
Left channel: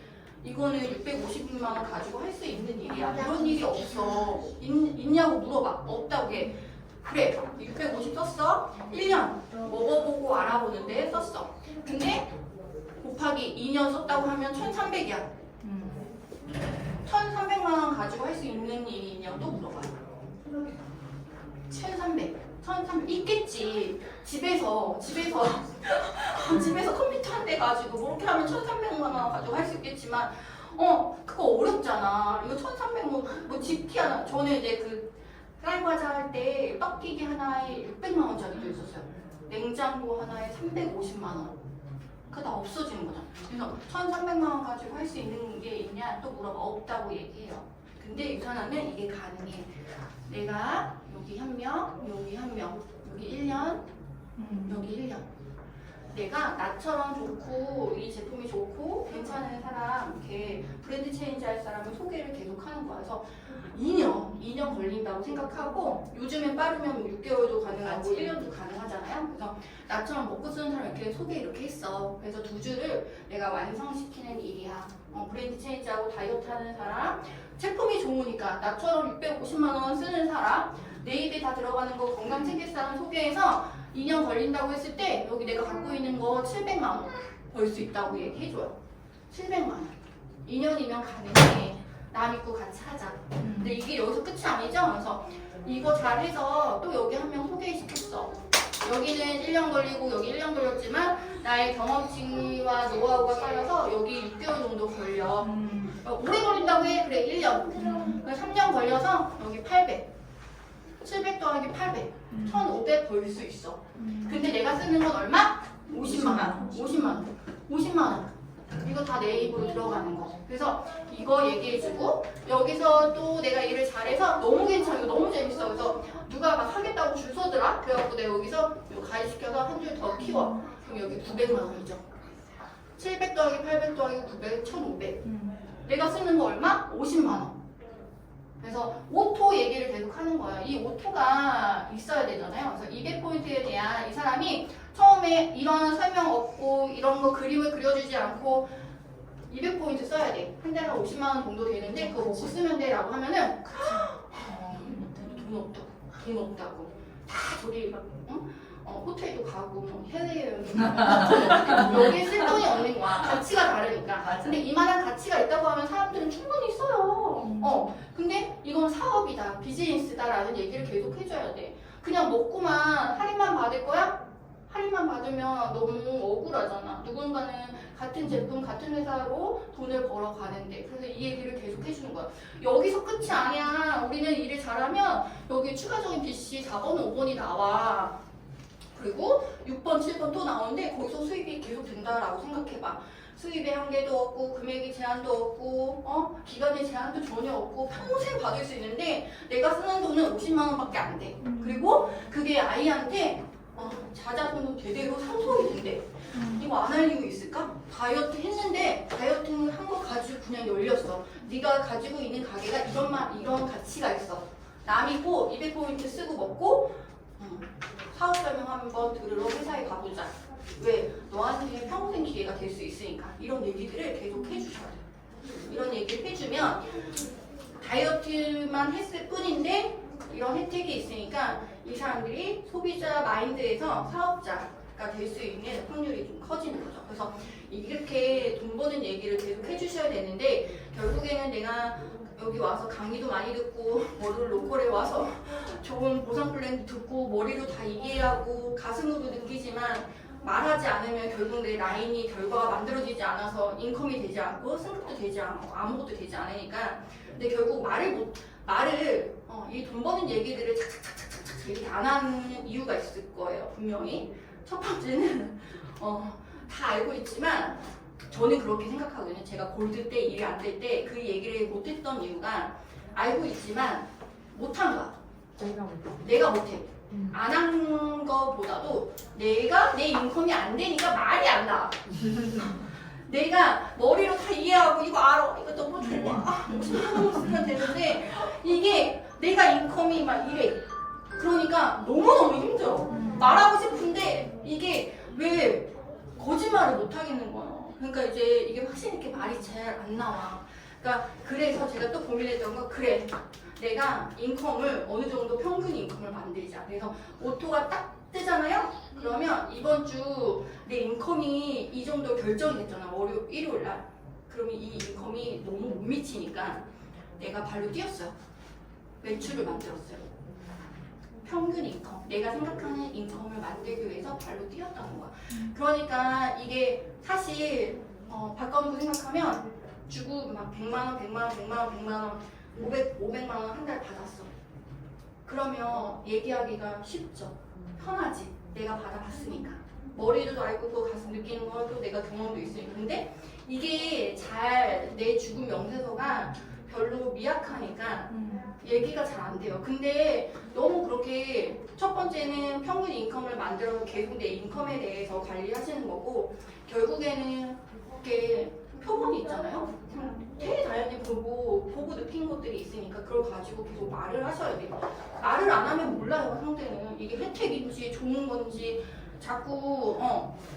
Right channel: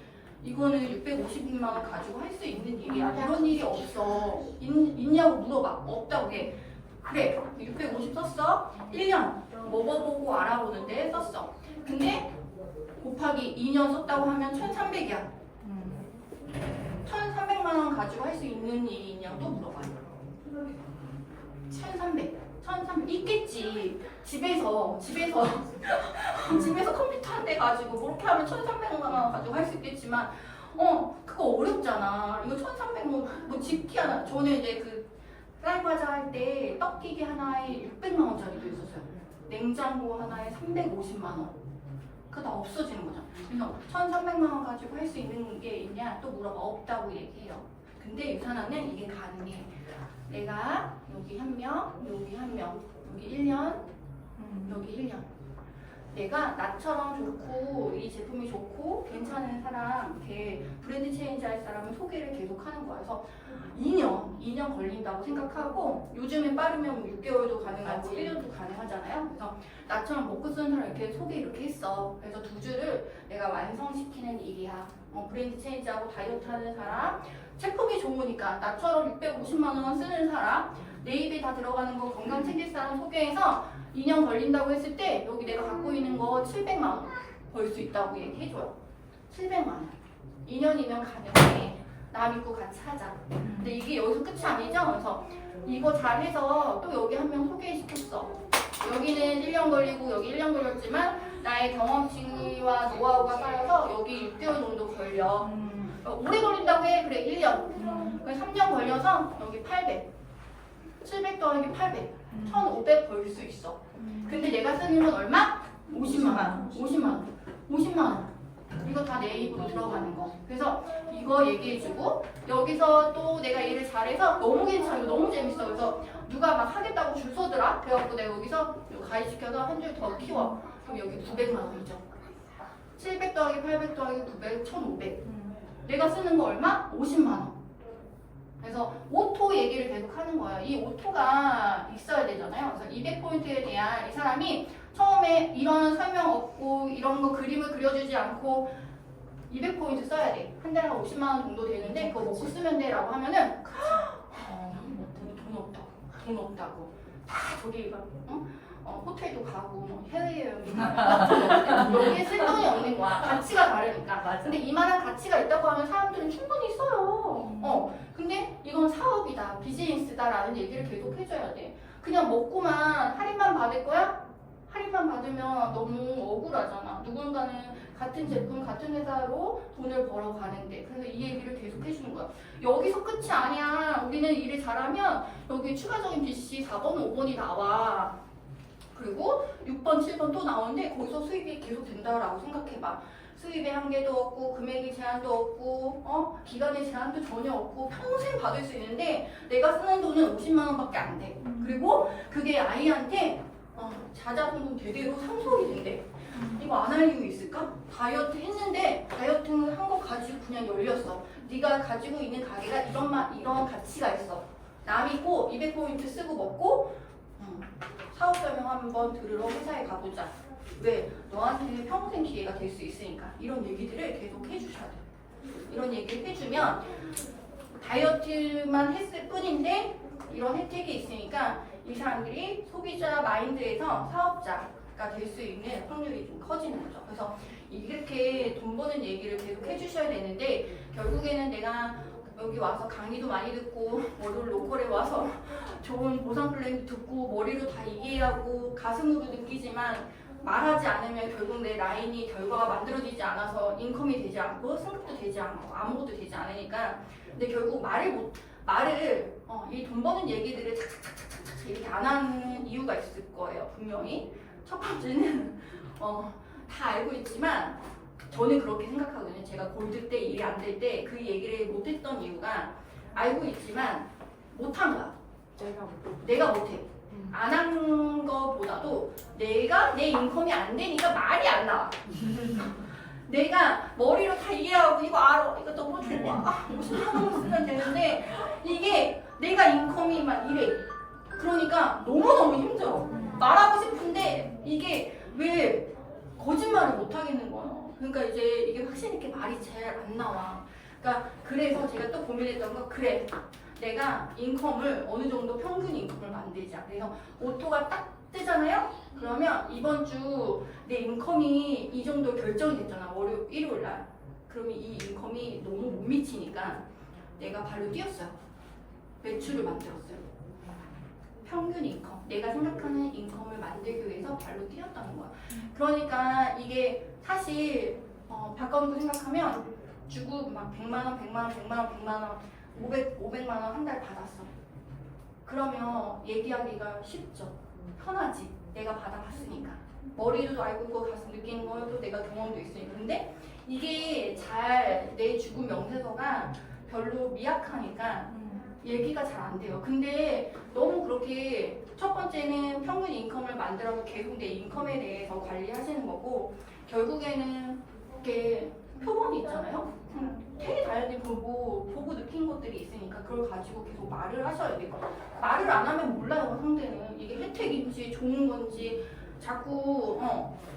이거는 650만 원 가지고 할 수 있는 일이야. 이런 일이 없어. 있냐고 물어봐. 없다고 해. 그래 650 썼어. 1년 먹어보고 알아보는데 썼어. 근데 곱하기 2년 썼다고 하면 1300이야. 1300만 원 가지고 할 수 있는 일이 있냐고 또 물어봐요. 1300 있겠지. 하겠지. 집에서 컴퓨터 한 대 가지고 그렇게 하면 1,300만 원 가지고 할 수 있겠지만 그거 어렵잖아. 이거 1,300만 뭐 집기 하나. 저는 이제 그 프라이파자 할 때 떡기기 하나에 600만 원짜리도 있었어요. 냉장고 하나에 350만 원. 그거 다 없어지는 거죠. 그래서 1,300만 원 가지고 할 수 있는 게 있냐 또 물어봐. 없다고 얘기해요. 근데 유산화는 이게 가능해. 내가 여기 한 명, 여기 한 명, 여기 1년, 여기 1년. 내가 나처럼 좋고 이 제품이 좋고 괜찮은 사람, 걔 브랜드 체인지 할 사람을 소개를 계속 하는 거야. 그래서 2년 걸린다고 생각하고 요즘엔 빠르면 6개월도 가능하고 1년도 가능하잖아요. 그래서 나처럼 먹고 쓰는 사람 이렇게 소개 이렇게 했어. 그래서 2주를 내가 완성시키는 일이야. 브랜드 체인지하고 다이어트 하는 사람, 제품이 좋으니까 나처럼 650만 원 쓰는 사람, 내 입에 다 들어가는 거 건강 챙길 사람 소개해서 2년 걸린다고 했을 때 여기 내가 갖고 있는 거 700만 원 벌 수 있다고 얘기해줘요. 700만 원. 2년이면 가능해. 나 믿고 같이 하자. 근데 이게 여기서 끝이 아니죠? 그래서 이거 잘해서 또 여기 한 명 소개시켰어. 여기는 1년 걸리고 여기 1년 걸렸지만 나의 경험치와 노하우가 쌓여서 여기 6개월 정도 걸려. 오래 걸린다고 해. 그래 1년. 그래서 3년 걸려서 여기 800. 700 더하기 800. 1,500 벌 수 있어. 근데 내가 쓰는 건 얼마? 50만 원. 50만 원. 50만 원. 이거 다 내 입으로 들어가는 거. 그래서 이거 얘기해주고 여기서 또 내가 일을 잘해서 너무 괜찮아. 너무 재밌어. 그래서 누가 막 하겠다고 줄 서더라. 그래갖고 내가 여기서 가입시켜서 한 줄 더 키워. 그럼 여기 900만 원이죠. 700 더하기 800 더하기 900, 1,500. 내가 쓰는 거 얼마? 50만 원. 그래서 오토 얘기를 계속 하는 거예요. 이 오토가 있어야 되잖아요. 그래서 200포인트에 대한 이 사람이 처음에 이런 설명 없고 이런 거 그림을 그려주지 않고 200포인트 써야 돼. 한 달에 50만 원 정도 되는데 그거 먹고 쓰면 돼 라고 하면은 돈 없다고 다 저기 막 호텔도 가고 뭐 해외여행도 가고 여기 쓸 돈이 없는 거야. 가치가 다르니까. 근데 이만한 가치가 있다고 하면 사람들은 충분히 써요. 근데 이건 사업이다, 비즈니스다라는 얘기를 계속 해줘야 돼. 그냥 먹고만 할인만 받을 거야? 할인만 받으면 너무 억울하잖아. 누군가는 같은 제품, 같은 회사로 돈을 벌어 가는데. 그래서 이 얘기를 계속 해주는 거야. 여기서 끝이 아니야. 우리는 일을 잘하면 여기 추가적인 BC 4번, 5번이 나와. 그리고 6번, 7번 또 나오는데 거기서 수입이 계속 된다라고 생각해봐. 수입의 한계도 없고 금액의 제한도 없고 기간의 제한도 전혀 없고 평생 받을 수 있는데 내가 쓰는 돈은 50만 원밖에 안 돼. 그리고 그게 아이한테 자자손 제대로 상속이 된대. 이거 안 할 이유 있을까? 다이어트 했는데 다이어트 한 거 가지고 그냥 열렸어. 네가 가지고 있는 가게가 이런 가치가 있어. 남이고 200포인트 쓰고 먹고 사업 설명 한번 들으러 회사에 가보자. 왜? 너한테 평생 기회가 될 수 있으니까. 이런 얘기들을 계속 해주셔야 돼요. 이런 얘기를 해주면 다이어트만 했을 뿐인데 이런 혜택이 있으니까 이 사람들이 소비자 마인드에서 사업자가 될 수 있는 확률이 좀 커지는 거죠. 그래서 이렇게 돈 버는 얘기를 계속 해주셔야 되는데 결국에는 내가 여기 와서 강의도 많이 듣고 머리를 로컬에 와서 좋은 보상 플랜도 듣고 머리로 다 이해하고 가슴으로 느끼지만 말하지 않으면 결국 내 라인이 결과가 만들어지지 않아서 인컴이 되지 않고 승급도 되지 않고 아무것도 되지 않으니까 근데 결국 이 돈 버는 얘기들을 착착착착착 이렇게 안 하는 이유가 있을 거예요. 분명히 첫 번째는 다 알고 있지만 저는 그렇게 생각하거든요. 제가 골드 때 일이 안 될 때 그 얘기를 못했던 이유가 알고 있지만 못한 거야. 내가 못해. 안 한 거보다도 내가 내 인컴이 안 되니까 말이 안 나와. 내가 머리로 다 이해하고 이거 알아. 이거 너무 좋아. 50만 원 쓰면 되는데 이게 내가 인컴이 막 이래. 그러니까 너무너무 힘들어. 말하고 싶은데 이게 왜 거짓말을 못 하겠는 거예요. 그러니까 이제 이게 확신 있게 말이 잘 안 나와. 그러니까 그래서 제가 또 고민했던 건 그래. 내가 인컴을 어느 정도 평균 인컴을 만들자. 그래서 오토가 딱 뜨잖아요? 그러면 이번 주 내 인컴이 이 정도 결정이 됐잖아. 일요일 날. 그러면 이 인컴이 너무 못 미치니까 내가 발로 뛰었어요. 매출을 만들었어요. 평균 인컴, 내가 생각하는 인컴을 만들기 위해서 발로 뛰었다는 거야. 그러니까 이게 사실 바꿔놓고 생각하면 주고 막 100만 원, 100만 원, 100만 원, 100만 원, 500만 원 한 달 받았어. 그러면 얘기하기가 쉽죠. 편하지. 내가 받아봤으니까. 머리도 알고 있고 가슴 느끼는 것도 내가 경험도 있으니까. 근데 이게 잘 내 죽음 명세서가 별로 미약하니까 얘기가 잘 안 돼요. 근데 너무 그렇게 첫 번째는 평균 인컴을 만들어서 계속 내 인컴에 대해서 관리하시는 거고 결국에는 이렇게 표본이 있잖아요. 되게 다양하게 보고 느낀 것들이 있으니까 그걸 가지고 계속 말을 하셔야 돼요. 말을 안 하면 몰라요. 상대는 이게 혜택인지 좋은 건지 자꾸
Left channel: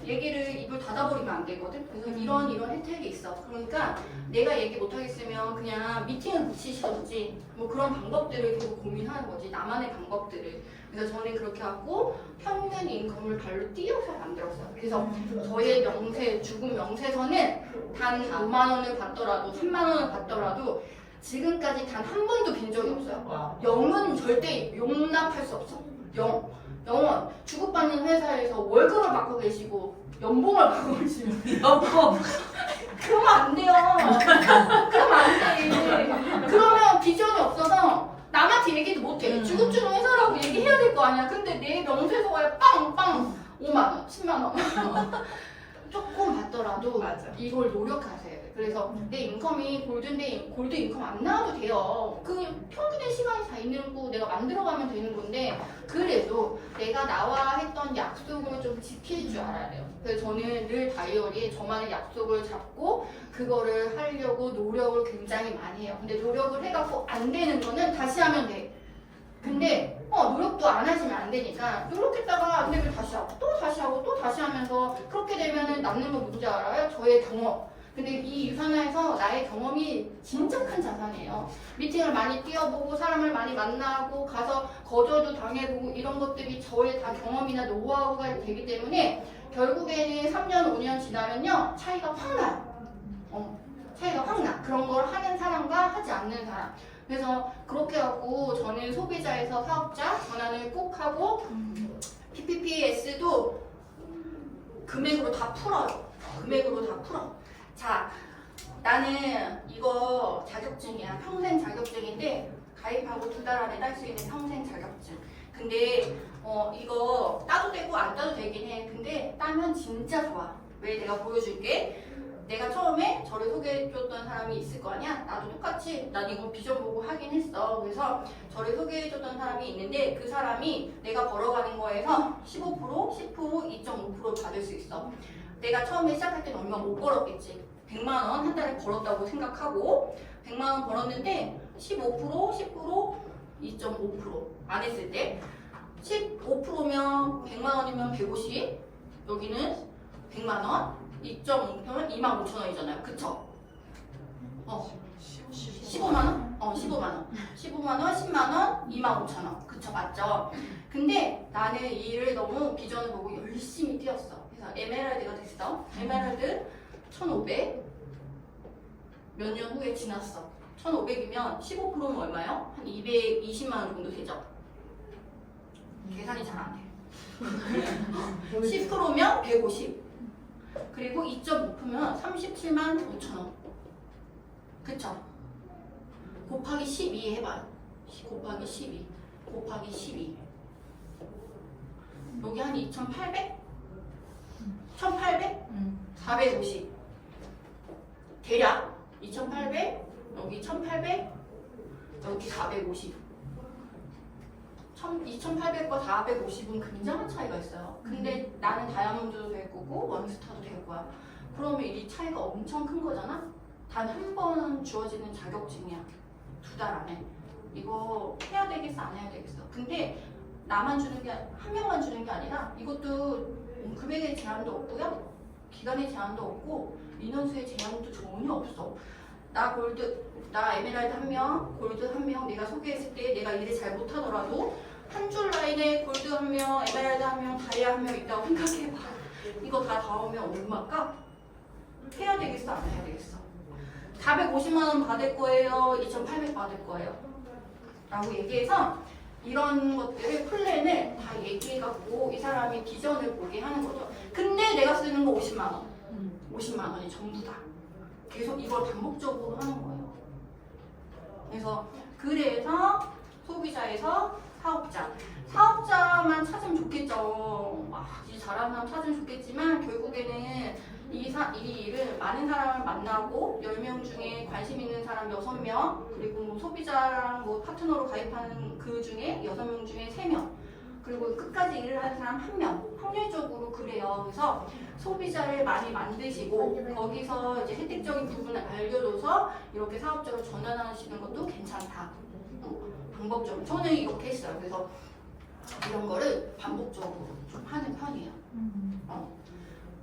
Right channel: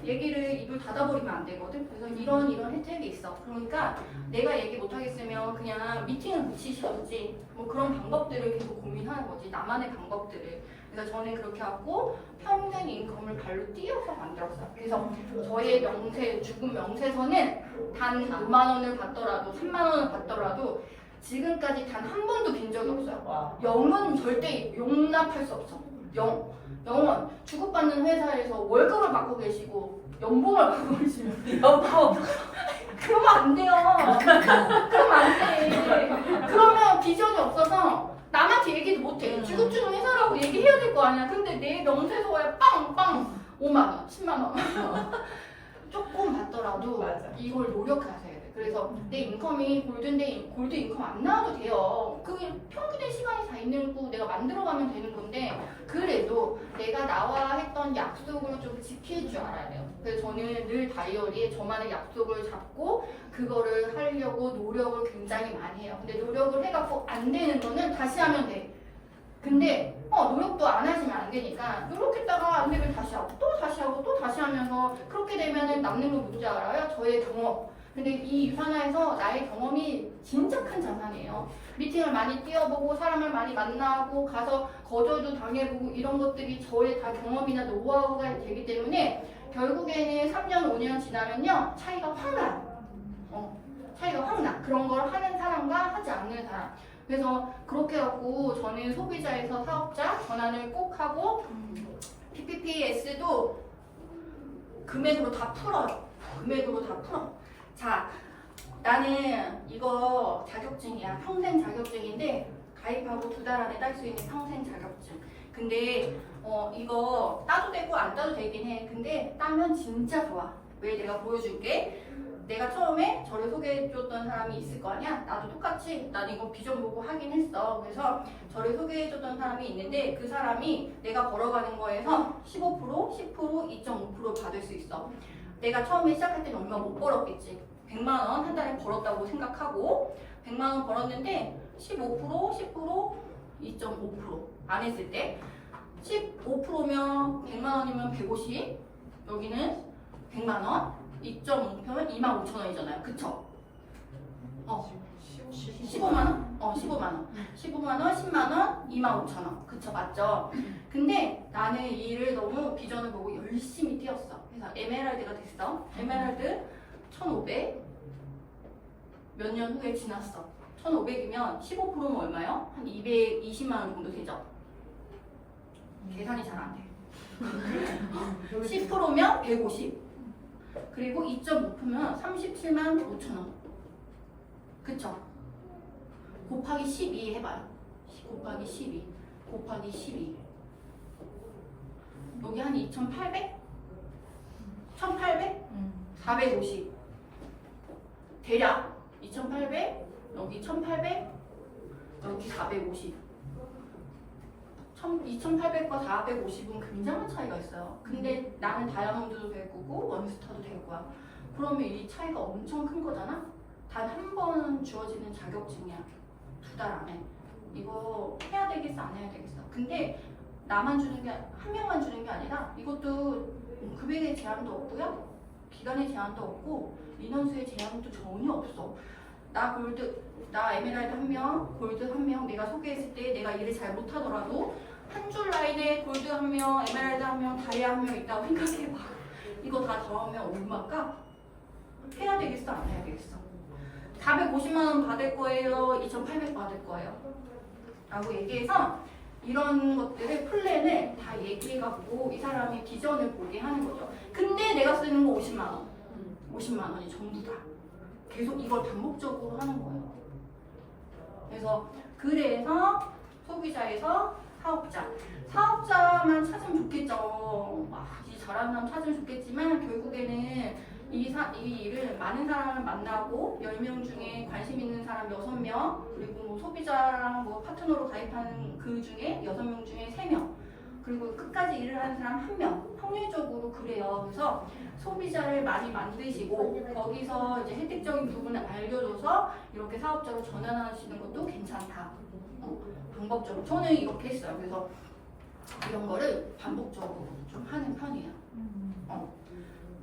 얘기를 입을 닫아버리면 안 되거든. 그래서 이런 혜택이 있어. 그러니까 내가 얘기 못 하겠으면 그냥 미팅을 붙이시던지 뭐 그런 방법들을 계속 고민하는 거지. 나만의 방법들을. 그래서 저는 그렇게 하고 평균 인컴을 발로 뛰어서 만들었어요. 그래서 저의 죽음 명세서는 단 5만 원을 받더라도 3만 원을 받더라도 지금까지 단 한 번도 빈 적이 없어요. 0은 절대 용납할 수 없어. 0원 주고받는 회사에서 월급을 받고 계시고 연봉을 받고 계시면 그러면 안 돼요. 그러면 안 돼. 그러면 비전이 없어서 남한테 얘기도 못해. 주급주는 회사라고 얘기해야 될 거 아니야. 근데 내 명세서에 빵빵 5만 원, 10만 원 조금 받더라도 맞아. 이걸 노력하세요. 그래서 내 인컴이 골드 인컴 안 나와도 돼요. 그 평균의 시간이 다 있는 거 내가 만들어가면 되는 건데 그래도 내가 나와 했던 약속을 좀 지킬 줄 알아야 돼요. 그래서 저는 늘 다이어리에 저만의 약속을 잡고 그거를 하려고 노력을 굉장히 많이 해요. 근데 노력을 해갖고 안 되는 거는 다시 하면 돼. 근데 노력도 안 하시면 안 되니까 노력했다가 안 되면 다시 하고 또 다시 하고 또 다시 하면서 그렇게 되면은 남는 건 누구지 알아요? 저의 경험. 근데 이 유산화에서 나의 경험이 진짜 큰 자산이에요. 미팅을 많이 뛰어보고 사람을 많이 만나고 가서 거절도 당해보고 이런 것들이 저의 다 경험이나 노하우가 되기 때문에 결국에는 3년, 5년 지나면요 차이가 확 나요. 차이가 확 나. 그런 걸 하는 사람과 하지 않는 사람. 그래서 그렇게 하고 저는 소비자에서 사업자 전환을 꼭 하고 PPPS도 금액으로 다 풀어요. 금액으로 다 풀어. 자, 나는 이거 자격증이야. 평생 자격증인데 가입하고 2달 안에 딸 수 있는 평생 자격증. 근데 이거 따도 되고 안 따도 되긴 해. 근데 따면 진짜 좋아. 왜? 내가 보여줄게. 내가 처음에 저를 소개해줬던 사람이 있을 거 아니야? 나도 똑같이 난 이거 비전 보고 하긴 했어. 그래서 저를 소개해줬던 사람이 있는데 그 사람이 내가 벌어가는 거에서 15%, 10%, 2.5% 받을 수 있어. 내가 처음에 시작할 때는 얼마 못 벌었겠지. 100만 원 한 달에 벌었다고 생각하고 100만 원 벌었는데 15%, 10%, 2.5%안 했을 때 15%면 100만 원이면 150, 여기는 100만 원, 2.5%면 25,000원이잖아요. 그쵸? 15만 원? 15만 원. 15만 원, 10만 원, 25,000원. 그쵸? 맞죠? 근데 나는 이 일을 너무 비전을 보고 열심히 뛰었어. 그래서 에메랄드가 됐어. 에메랄드 1,500. 몇 년 후에 지났어. 1,500이면 15%면 얼마요? 한 220만 원 정도 되죠? 계산이 잘 안 돼. 10%면 150. 그리고 2.5%면 37만 5천 원. 그쵸? 곱하기 12 해봐요. 곱하기 12. 곱하기 12. 여기 한 2,800? 1,800? 450. 대략 2,800, 여기 1,800, 여기 450. 2,800과 450은 굉장한 차이가 있어요. 근데 나는 다이아몬드도 될 거고 원스타도 될 거야. 그러면 이 차이가 엄청 큰 거잖아? 단 한 번은 주어지는 자격증이야. 2달 안에. 이거 해야 되겠어, 안 해야 되겠어. 근데 나만 주는 게, 한 명만 주는 게 아니라 이것도 금액의 제한도 없고요. 기간의 제한도 없고 인원수의 제한도 전혀 없어. 나 에메랄드 1명, 골드 1명 내가 소개했을 때 내가 일을 잘 못하더라도 한 줄 라인에 골드 1명, 에메랄드 1명, 다이아 1명 있다고 생각해봐. 이거 다 더하면 얼마일까? 해야 되겠어, 안 해야 되겠어? 450만 원 받을 거예요? 2,800 받을 거예요? 라고 얘기해서 이런 것들을 플랜을 다 얘기해갖고 이 사람이 비전을 보게 하는 거죠. 근데 내가 쓰는 거 50만 원. 50만 원이 전부 다. 계속 이걸 반복적으로 하는 거예요. 그래서 소비자에서 사업자. 사업자만 찾으면 좋겠죠. 이 잘하는 사람 찾으면 좋겠지만 결국에는 이 일은 많은 사람을 만나고 10명 중에 관심 있는 사람 6명 그리고 뭐 소비자랑 뭐 파트너로 가입하는 그 중에 6명 중에 3명 그리고 끝까지 일을 하는 사람 1명 확률적으로 그래요. 그래서 소비자를 많이 만드시고 거기서 이제 혜택적인 부분을 알려줘서 이렇게 사업자로 전환하시는 것도 괜찮다. 방법적으로 저는 이렇게 했어요. 그래서 이런 거를 반복적으로 좀 하는 편이에요.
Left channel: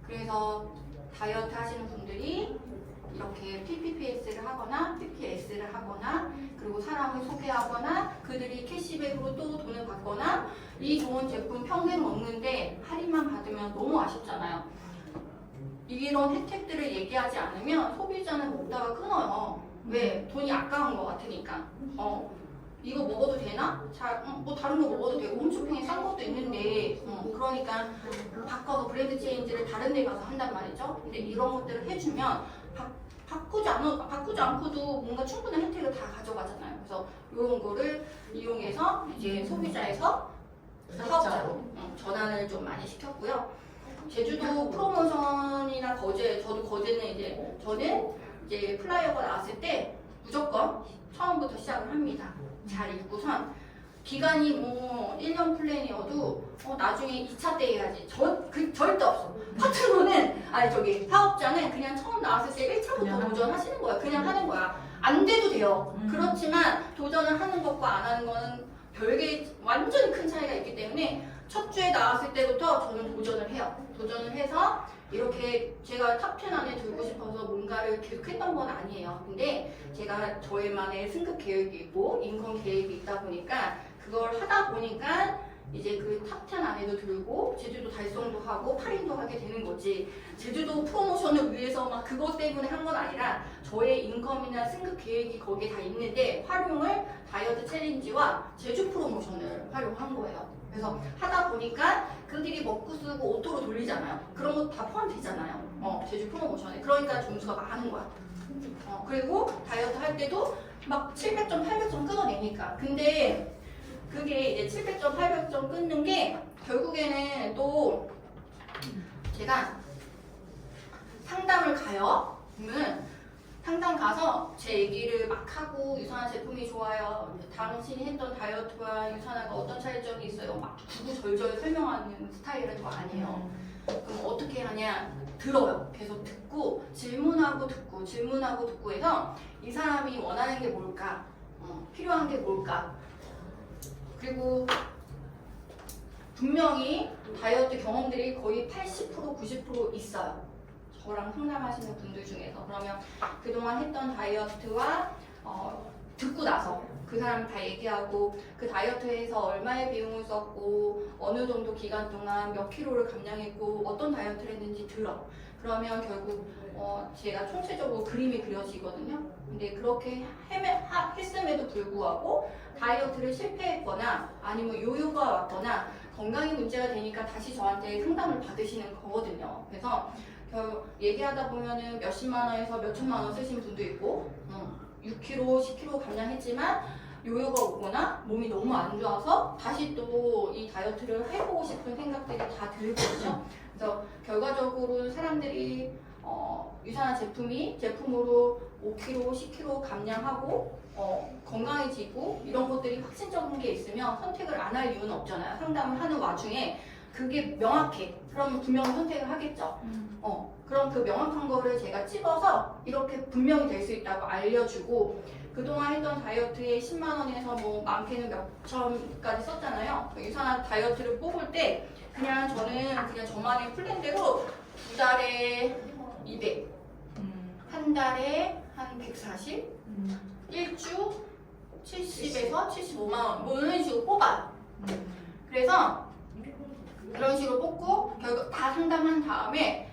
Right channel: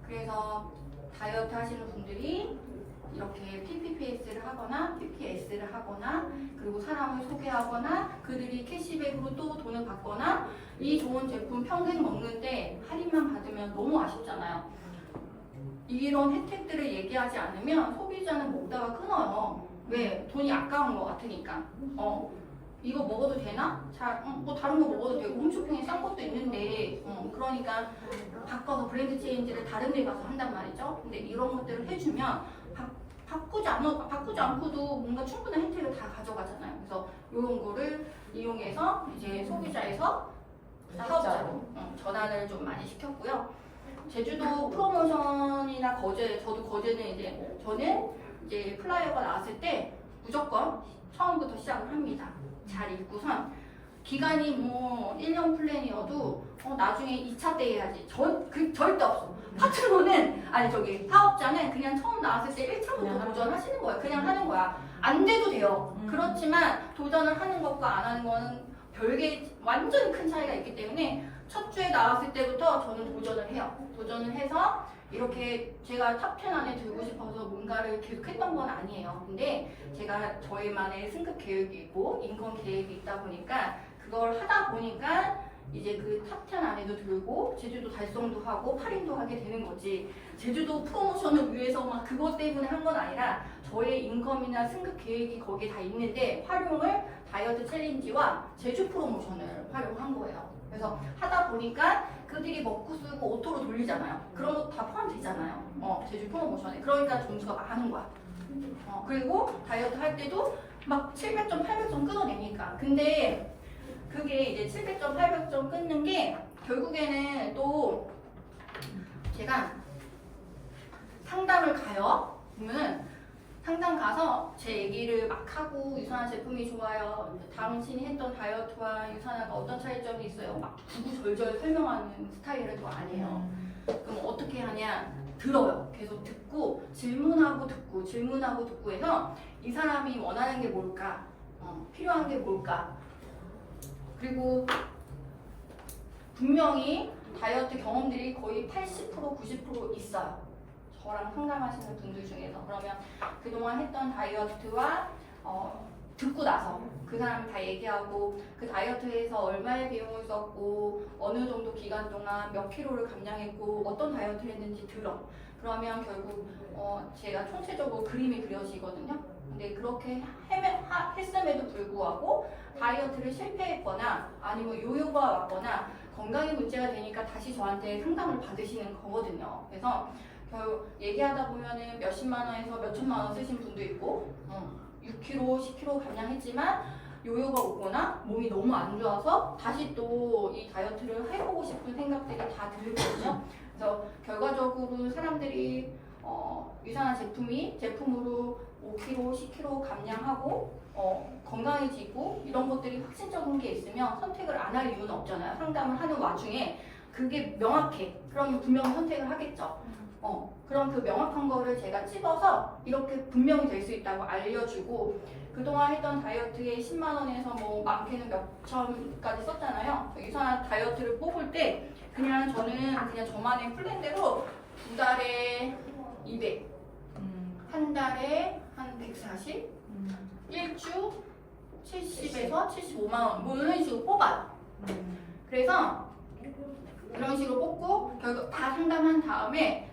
그래서 다이어트 하시는 분들이 이렇게 PPPS를 하거나 PPS를 하거나 그리고 사람을 소개하거나 그들이 캐시백으로 또 돈을 받거나 이 좋은 제품 평생 먹는데 할인만 받으면 너무 아쉽잖아요. 이런 혜택들을 얘기하지 않으면 소비자는 먹다가 끊어요. 왜? 돈이 아까운 것 같으니까. 이거 먹어도 되나? 뭐 다른 거 먹어도 되고 홈쇼핑에 싼 것도 있는데 그러니까 바꿔서 브랜드 체인지를 다른 데 가서 한단 말이죠. 근데 이런 것들을 해주면 바꾸지 않고도 뭔가 충분한 혜택을 다 가져가잖아요. 그래서 이런 거를 이용해서 이제 소비자에서 사업자로 전환을 좀 많이 시켰고요. 제주도 프로모션이나 저도 거제는 저는 이제 플라이어가 나왔을 때 무조건 처음부터 시작을 합니다. 잘 읽고선 기간이 뭐 1년 플랜이어도 나중에 2차 때 해야지. 절대 없어. 파트너는 사업자는 그냥 처음 나왔을 때 1차부터 도전하시는 거야. 그냥 하는 거야. 안 돼도 돼요. 그렇지만 도전을 하는 것과 안 하는 거는 별개 완전히 큰 차이가 있기 때문에 첫 주에 나왔을 때부터 저는 도전을 해요. 도전을 해서 이렇게 제가 탑10 안에 들고 싶어서 뭔가를 계속 했던 건 아니에요. 근데 제가 저희만의 승급 계획이 있고 인컴 계획이 있다 보니까 그걸 하다 보니까 이제 그 탑10 안에도 들고 제주도 달성도 하고 팔인도 하게 되는 거지. 제주도 프로모션을 위해서 막 그것 때문에 한 건 아니라 저의 인컴이나 승급 계획이 거기에 다 있는데 활용을 다이어트 챌린지와 제주 프로모션을 활용한 거예요. 그래서 하다 보니까 그들이 먹고 쓰고 오토로 돌리잖아요. 그런 거 다 포함되잖아요. 제주 프로모션에. 그러니까 점수가 많은 거야. 그리고 다이어트 할 때도 막 700점, 800점 끊어내니까. 근데 그게 이제 700점, 800점 끊는 게 결국에는 또 제가 상담을 가요. 그러면 상담 가서 제 얘기를 막 하고 유산한 제품이 좋아요. 당신이 했던 다이어트와 유산화가 어떤 차이점이 있어요. 막 구구절절 설명하는 스타일은 저 아니에요. 그럼 어떻게 하냐? 들어요. 계속 듣고 질문하고 듣고 해서 이 사람이 원하는 게 뭘까? 필요한 게 뭘까? 그리고 분명히 다이어트 경험들이 거의 80% 90% 있어요. 저랑 상담하시는 분들 중에서. 그러면 그동안 했던 다이어트와 듣고 나서 그 사람 다 얘기하고 그 다이어트에서 얼마의 비용을 썼고 어느 정도 기간 동안 몇 킬로를 감량했고 어떤 다이어트를 했는지 들어. 그러면 결국 제가 총체적으로 그림이 그려지거든요. 근데 그렇게 했음에도 불구하고 다이어트를 실패했거나 아니면 요요가 왔거나 건강에 문제가 되니까 다시 저한테 상담을 받으시는 거거든요. 그래서 얘기하다 보면은 몇십만 원에서 몇천만 원 쓰신 분도 있고 6kg, 10kg 감량했지만 요요가 오거나 몸이 너무 안 좋아서 다시 또 이 다이어트를 해보고 싶은 생각들이 다 들거든요. 그래서 결과적으로 사람들이 유산한 제품으로 5kg, 10kg 감량하고 건강해지고 이런 것들이 확신적인 게 있으면 선택을 안 할 이유는 없잖아요. 상담을 하는 와중에 그게 명확해. 그러면 분명히 선택을 하겠죠. 그럼 그 명확한 거를 제가 찝어서 이렇게 분명히 될 수 있다고 알려주고 그동안 했던 다이어트에 10만 원에서 뭐 많게는 몇 천까지 썼잖아요. 유산한 다이어트를 뽑을 때 저는 그냥 저만의 플랜대로 2달에 200, 한 달에 한 140, 1주 70에서 75만 원 뭐 이런 식으로 뽑아요. 그래서 그런 식으로 뽑고 결국 다 상담한 다음에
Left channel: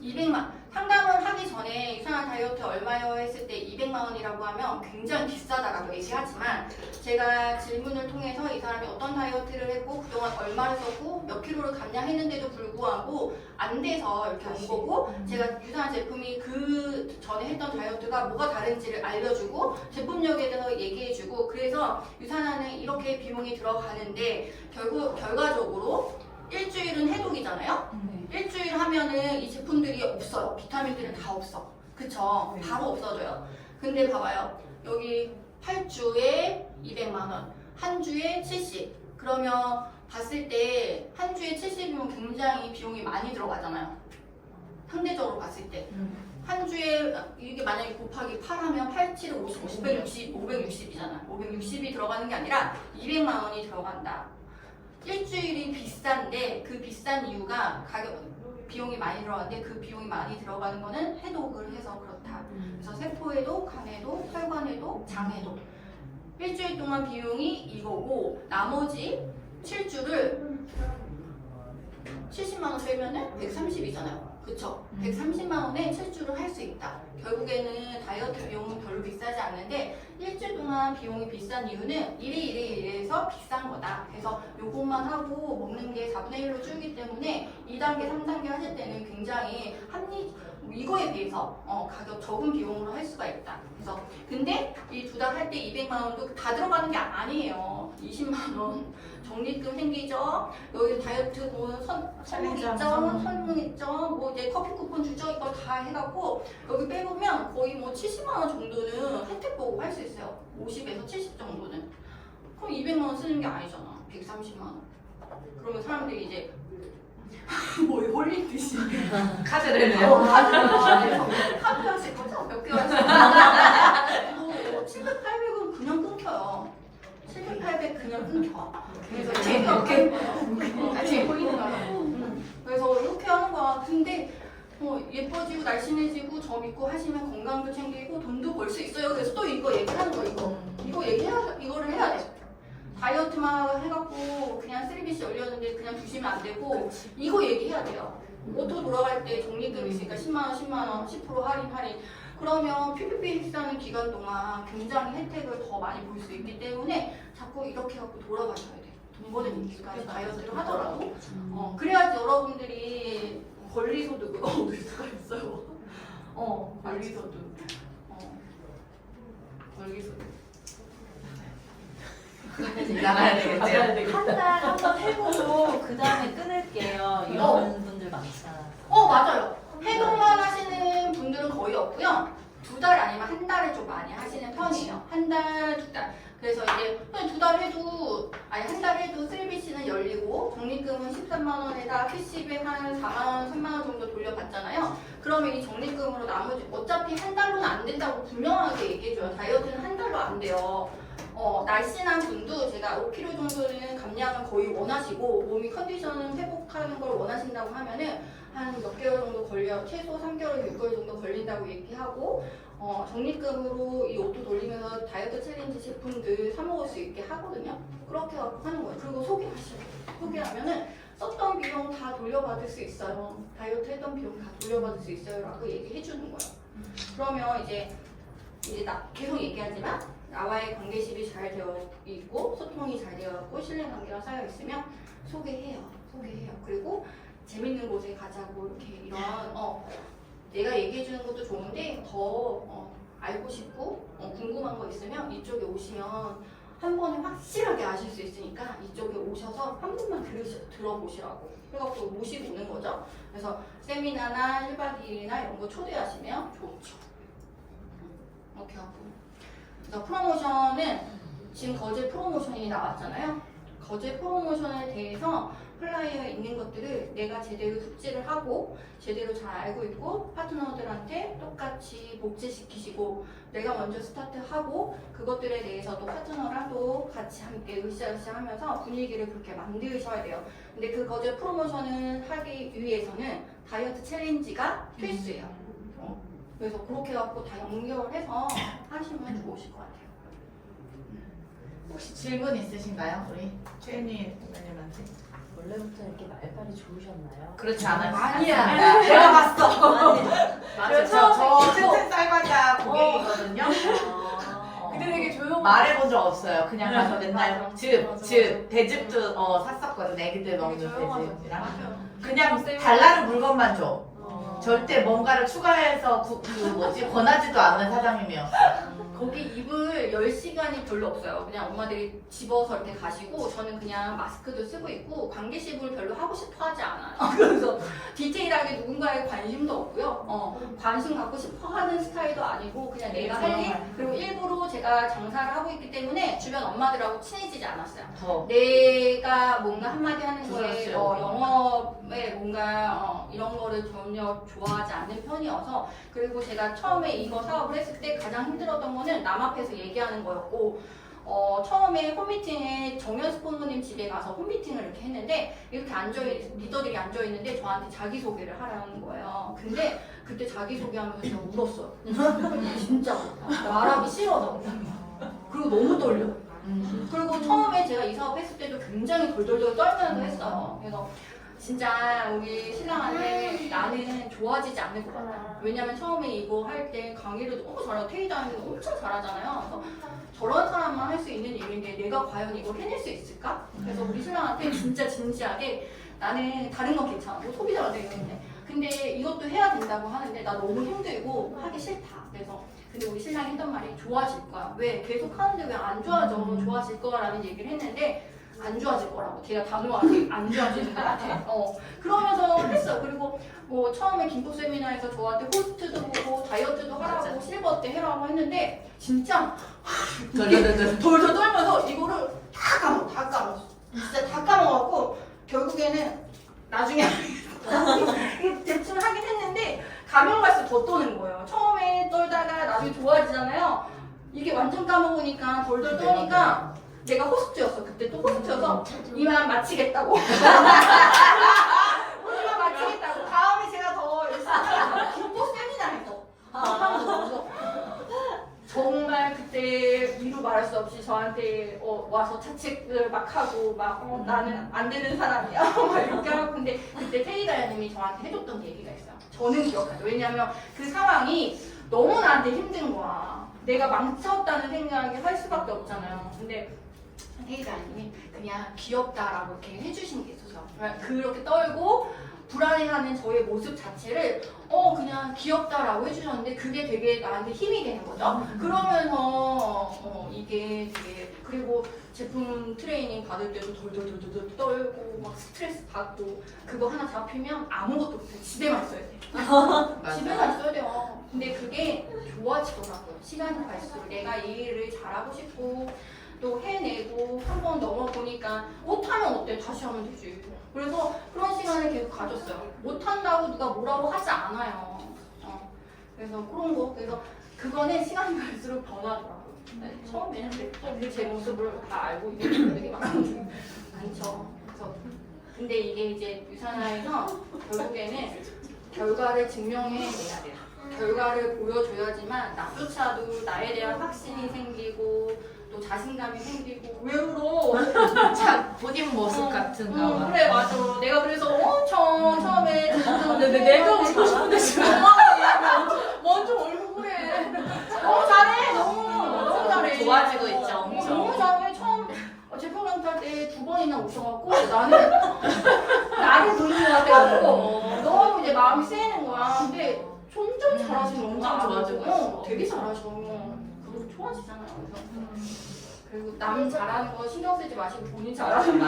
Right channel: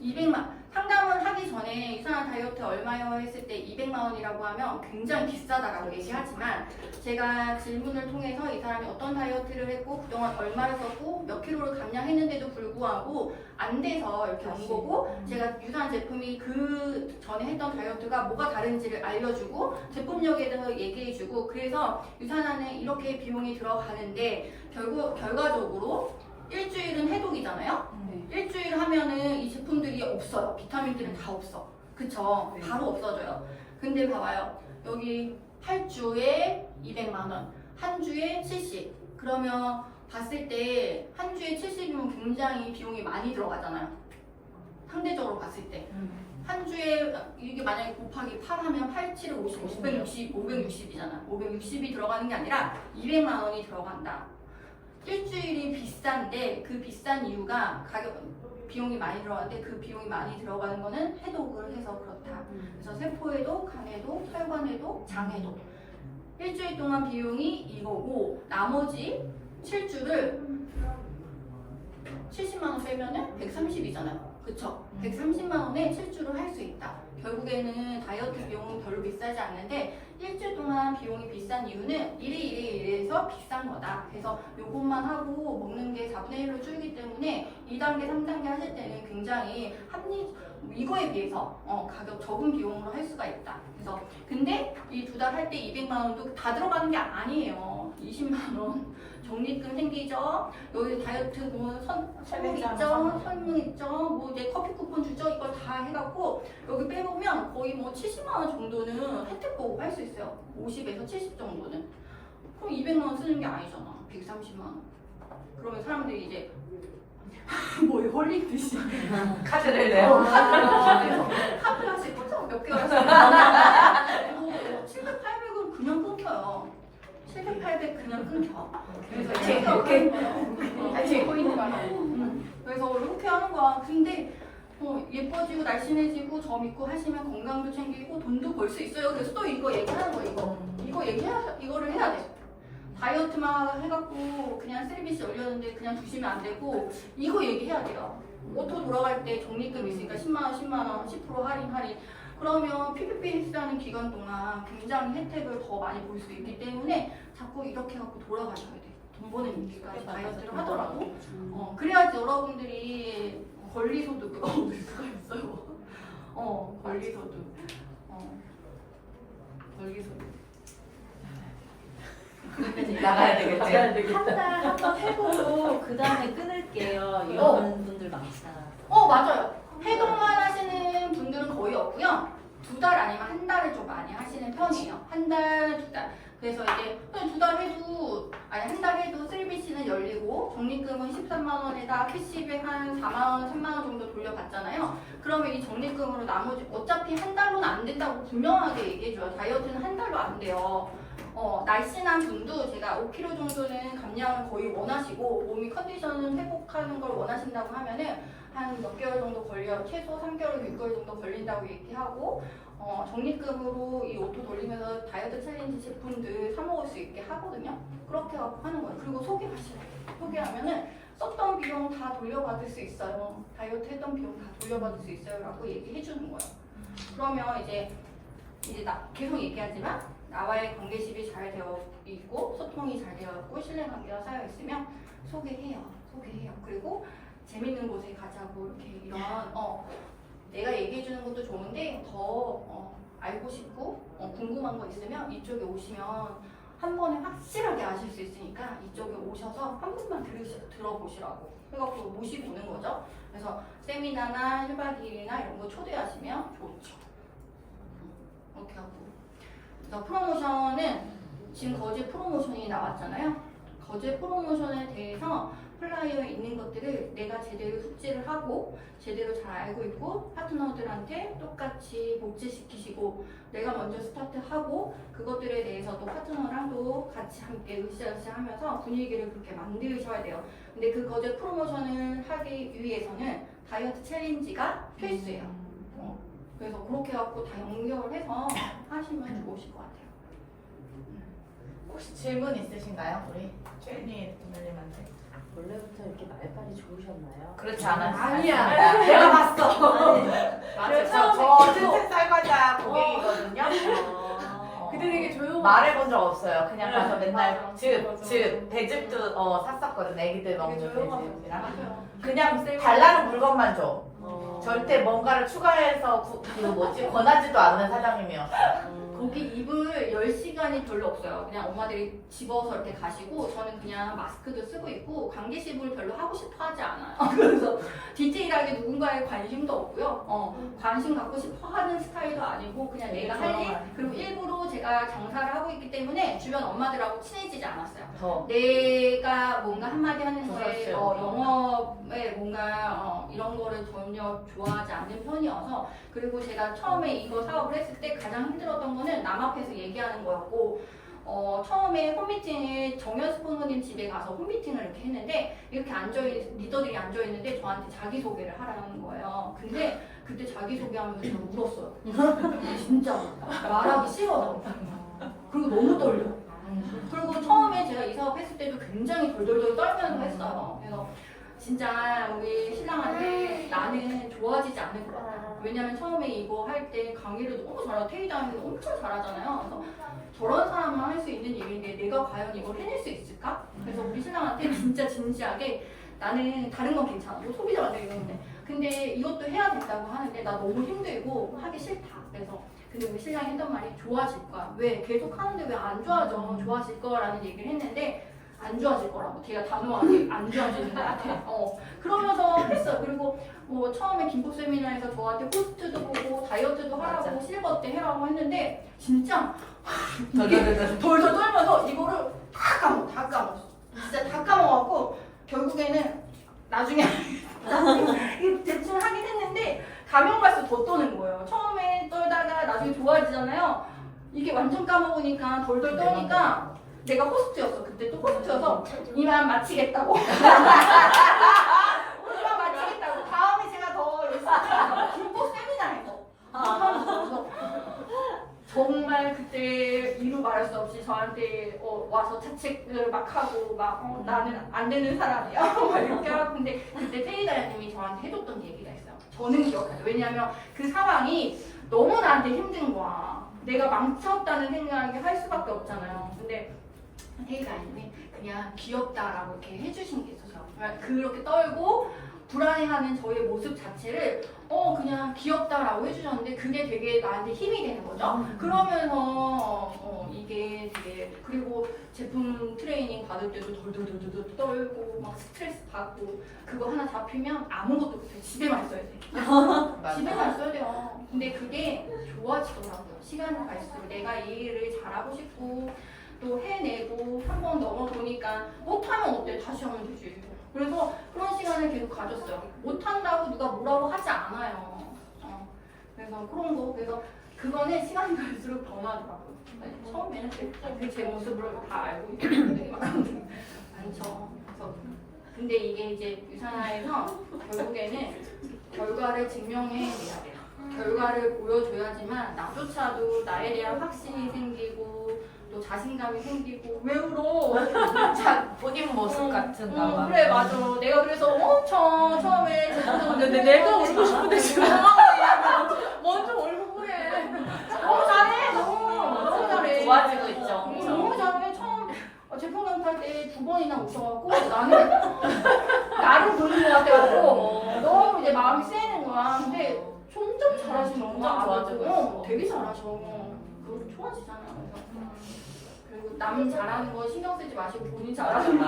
200만 상담을 하기 전에 유산한 다이어트 얼마요 했을 때 200만 원이라고 하면 굉장히 비싸다라고 얘기하지만 제가 질문을 통해서 이 사람이 어떤 다이어트를 했고 그동안 얼마를 썼고 몇 킬로를 감량했는데도 불구하고 안 돼서 이렇게 온 거고 제가 유산한 제품이 그 전에 했던 다이어트가 뭐가 다른지를 알려주고 제품력에 대해서 얘기해주고 그래서 유산한은 이렇게 비용이 들어가는데 결과적으로 일주일은 해독이잖아요. 일주일 하면은 이 제품들이 없어요. 비타민들은 다 없어. 그쵸? 바로 없어져요. 근데 봐봐요. 여기 8주에 200만 원, 한 주에 70. 그러면 봤을 때 한 주에 70이면 굉장히 비용이 많이 들어가잖아요. 상대적으로 봤을 때. 한 주에 이게 만약에 곱하기 8 하면 8, 7, 50, 560이잖아. 560이 들어가는 게 아니라 200만 원이 들어간다. 일주일이 비싼데 그 비싼 이유가 비용이 많이 들어가는데 그 비용이 많이 들어가는 거는 해독을 해서 그렇다. 그래서 세포해독, 간해독, 혈관해독, 장해독. 일주일 동안 비용이 이거고 나머지 7주를 70만 원 빼면은 130이잖아요. 그쵸? 130만 원에 7주를 할 수 있다. 결국에는 다이어트 비용은 별로 비싸지 않는데 일주일 동안 비용이 비싼 이유는 이래서 비싼 거다. 그래서 요것만 하고 먹는 게 4분의 1로 줄기 때문에 2단계, 3단계 하실 때는 굉장히 이거에 비해서 가격 적은 비용으로 할 수가 있다. 그래서 근데 이 2달 할 때 200만 원도 다 들어가는 게 아니에요. 20만 원 적립금 생기죠. 여기 다이어트 뭐 선물 있죠, 선물 있죠. 뭐 이제 커피 쿠폰 주죠. 이걸 다 해갖고 여기 빼보면 거의 뭐 70만 원 정도는 혜택 보고 할 수 있어요. 50에서 70 정도는. 그럼 200만 원 쓰는 게 아니잖아. 130만 원. 그러면 사람들이 이제 뭐에 홀린 듯이 카드를 내요. 카드 하실 거죠? 몇 개월 하실 거죠? 700, 800은 그냥 끊겨요. 700, 800 그냥 끊겨. 그래서 이렇게 그래서 이렇게 하는 거야. 근데 예뻐지고 날씬해지고 점 있고 하시면 건강도 챙기고 돈도 벌 수 있어요. 그래서 또 이거 얘기하는 거 이거를 해야 돼. 다이어트만 해갖고 그냥 쓰리비씨 올렸는데 그냥 두시면 안 되고 이거 얘기해야 돼요. 오토 돌아갈 때 적립금 있으니까 10만 원, 10% 할인. 그러면 PPP 헬스하는 기간 동안 굉장히 혜택을 더 많이 볼 수 있기 때문에 자꾸 이렇게 해갖고 돌아가셔야 돼. 돈 버는 일까지 다이어트를 하더라도 그래야지 여러분들이 권리소득을 얻을 수가 있어요. 권리소득. 권리소득. 나가야 되겠지. 한 달 한번 해보고 그 다음에 끊을게요. 이런 분들 많잖아. 맞아요. 해독만 하시는 분들은 거의 없고요. 2달 아니면 한 달을 좀 많이 하시는 편이에요. 한 달, 2달. 그래서 이제 그냥 2달 해도 한 달 해도 3BC는 열리고 적립금은 13만 원에다 캐시백 한 4만 원, 3만 원 정도 돌려받잖아요. 그러면 이 적립금으로 나머지 어차피 한 달로는 안 된다고 분명하게 얘기해줘요. 다이어트는 한 달로 안 돼요. 날씬한 분도 제가 5kg 정도는 감량을 거의 원하시고 몸이 컨디션을 회복하는 걸 원하신다고 하면은 한 몇 개월 정도 걸려요. 최소 3개월, 6개월 정도 걸린다고 얘기하고 적립금으로 이 오토 돌리면서 다이어트 챌린지 제품들 사 먹을 수 있게 하거든요. 그렇게 하고 하는 거예요. 그리고 소개하시면 소개하면은 썼던 비용 다 돌려받을 수 있어요. 다이어트 했던 비용 다 돌려받을 수 있어요. 라고 얘기해 주는 거예요. 그러면 이제 나 계속 얘기하지만 나와의 관계십이 잘 되어 있고 소통이 잘 되어 있고 신뢰관계가 쌓여 있으면 소개해요. 그리고 재밌는 곳에 가자고 이렇게 이런 내가 얘기해 주는 것도 좋은데 더 알고 싶고 궁금한 거 있으면 이쪽에 오시면 한 번에 확실하게 아실 수 있으니까 이쪽에 오셔서 한 번만 들어보시라고 해갖고 모시고 오는 거죠. 그래서 세미나나 1박 2일이나 이런 거 초대하시면 좋죠. 이렇게 하고 그래서 프로모션은 지금 거제 프로모션이 나왔잖아요. 거제 프로모션에 대해서 플라이어에 있는 것들을 내가 제대로 숙지를 하고 제대로 잘 알고 있고 파트너들한테 똑같이 복제시키시고 내가 먼저 스타트하고 그것들에 대해서도 파트너랑도 같이 함께 으쌰으쌰 하면서 분위기를 그렇게 만드셔야 돼요. 근데 그 거제 프로모션을 하기 위해서는 다이어트 챌린지가 필수예요. 그래서 그렇게 해갖고 다 연결해서 하시면 좋으실 것 같아요. 혹시 질문 있으신가요? 우리 최윤희 부모님한테? 원래부터 이렇게 말빨이 좋으셨나요? 그렇지 않아요. 아니야. 내가 봤어. 맞아. 저 채채 쌀과자 고객이거든요. 근데 되게 조용한. 말해본 적 없어요. 그냥 가서 맨날 맞아. 즙, 대즙도 샀었거든. 애기들 먹는 대즙이랑. 맞아. 그냥 달라는 물건만 줘. 절대 뭔가를 추가해서 권하지도 않는 사장님이었어요. 거기 입을 열 시간이 별로 없어요. 그냥 엄마들이 집어서 이렇게 가시고 저는 그냥 마스크도 쓰고 있고 관계식을 별로 하고 싶어 하지 않아요. 그래서 디테일하게 누군가에 관심도 없고요. 관심 갖고 싶어 하는 스타일도 아니고 그냥 내가 할 일, 그리고 일부러 제가 장사를 하고 있기 때문에 주변 엄마들하고 친해지지 않았어요. 더. 내가 뭔가 한마디 하는 거에 그렇죠. 영업에 뭔가 이런 거를 전혀 좋아하지 않는 편이어서, 그리고 제가 처음에 이거 사업을 했을 때 가장 힘들었던 거는 남 앞에서 얘기하는 거였고, 처음에 홈미팅에 정연수 부모님 집에 가서 홈미팅을 이렇게 했는데 이렇게 리더들이 앉아있는데 저한테 자기소개를 하라는 거예요. 근데 그때 자기소개하면서 제가 울었어요. 진짜 말하기 싫어서. 그리고 너무 떨려. 그리고 처음에 제가 이 사업 했을 때도 굉장히 덜덜덜 떨면서 했어요. 그래서 진짜 우리 신랑한테 나는 좋아지지 않을 것 같아. 왜냐면 처음에 이거 할 때 강의를 너무 잘하고 테이다님도 엄청 잘하잖아요. 그래서 저런 사람만 할 수 있는 일인데 내가 과연 이걸 해낼 수 있을까? 그래서 우리 신랑한테 진짜 진지하게 나는 다른 건 괜찮아. 뭐 소비자 만들기 이런데. 근데 이것도 해야 된다고 하는데 나 너무 힘들고 하기 싫다. 그래서 근데 우리 신랑이 했던 말이 좋아질 거야. 왜? 계속 하는데 왜 안 좋아져? 좋아질 거라는 얘기를 했는데 안 좋아질 거라고. 걔가 단호하게 안 좋아지는 것 같아. 그러면서 했어. 그리고 뭐 처음에 김포 세미나에서 저한테 호스트도 보고 다이어트도 하라고 맞아. 실버 때 해라고 했는데 진짜 덜덜덜. 덜덜 떨면서 이거를 다 까먹었어. 진짜 다 까먹었고 결국에는 나중에 대충 하긴 했는데 가면 갈수록 더 떠는 거예요. 처음에 떨다가 나중에 좋아지잖아요. 이게 완전 까먹으니까 덜덜 떠니까 내가 호스트였어. 그때 또 호스트여서 이만 마치겠다고. 이만 마치겠다고. 다음에 제가 더 열심히 할게요. 김포 세미나에서 하는 거죠. 정말 그때 이루 말할 수 없이 저한테 와서 자책을 막 하고 막 나는 안 되는 사람이야 막 이렇게 하고. 근데 그때 테이다야님이 저한테 해줬던 얘기가 있어요. 저는 기억하죠. 왜냐하면 그 상황이 너무 나한테 힘든 거야. 내가 망쳤다는 생각이 할 수밖에 없잖아요. 근데 테이다야님이 그냥 귀엽다라고 이렇게 해주신 게 있어서 그렇게 떨고 불안해하는 저의 모습 자체를 그냥 귀엽다라고 해주셨는데 그게 되게 나한테 힘이 되는 거죠. 그러면서 이게 되게, 그리고 제품 트레이닝 받을 때도 덜덜덜덜 떨고 막 스트레스 받고 그거 하나 잡히면 아무것도 못해. 집에만 있어야 돼. 집에만 있어야 돼요. 근데 그게 좋아지더라고요. 시간이 갈수록 내가 이 일을 잘하고 싶고 또 해내고 한 번 넘어보니까 못하면 어때? 다시 하면 되지. 그래서 그런 시간을 계속 가졌어요. 못한다고 누가 뭐라고 하지 않아요. 그래서 그런 거, 그래서 그거는 시간이 갈수록 변하더라고요. 처음에는 제 모습을 다 알고 있는 분들이 많죠. 그래서 근데 이게 이제 유산화에서 결국에는 결과를 증명해내야 돼요. 결과를 보여줘야지만 나조차도 나에 대한 확신이 생기고 또 자신감이 생기고. 왜 울어? 참 본인 모습 같은가 봐. 그래 맞아. 내가 그래서 엄청 처음에 근데 내가 울고 싶은데 지금 먼저 울고 그래. 너무 잘해. 너무 잘해. 좋아지고 있죠, 엄청. 너무 잘해. 처음 제품 강탈 때 2번이나 오셔갖고 나는 나를 보는 것 같아갖고 너무 이제 마음이 쓰이는 거야. 근데 점점 잘하시는 거야. 점점 좋아지고 있어. 되게 잘하셔. 그리고 좋아지잖아요. 그리고 남 잘하는 거 신경 쓰지 마시고 본인 잘하는 거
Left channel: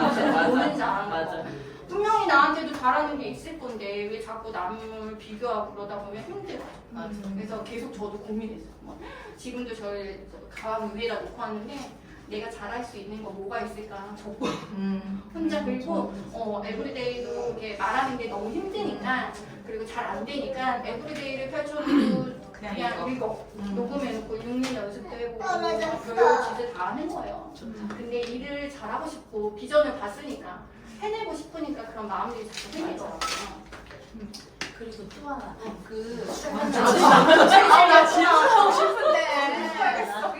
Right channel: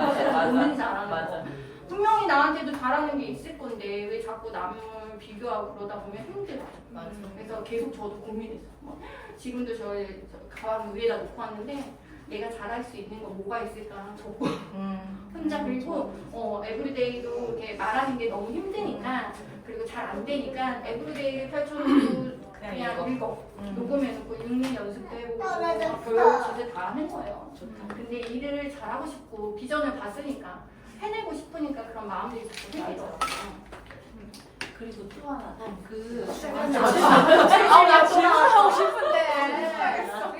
본인 잘하는 맞아. 거. 분명히 나한테도 잘하는 게 있을 건데 왜 자꾸 남을 비교하고 그러다 보면 힘들어. 맞아. 그래서 계속 저도 고민했어요. 지금도 저희 가방 위에다 놓고 왔는데 내가 잘할 수 있는 거 뭐가 있을까 적고 혼자. 그리고 에브리데이도 이렇게 말하는 게 너무 힘드니까 그리고 잘 안 되니까 에브리데이를 펼쳐도 그냥 읽어. 녹음해놓고 6년 연습도 해보고 교육 짓을 다 하는 거예요. 근데 일을 잘하고 싶고 비전을 봤으니까 해내고 싶으니까 그런 마음들이 자꾸 생기더라고요. 그리고 또 하나 그 질문하고 싶은데.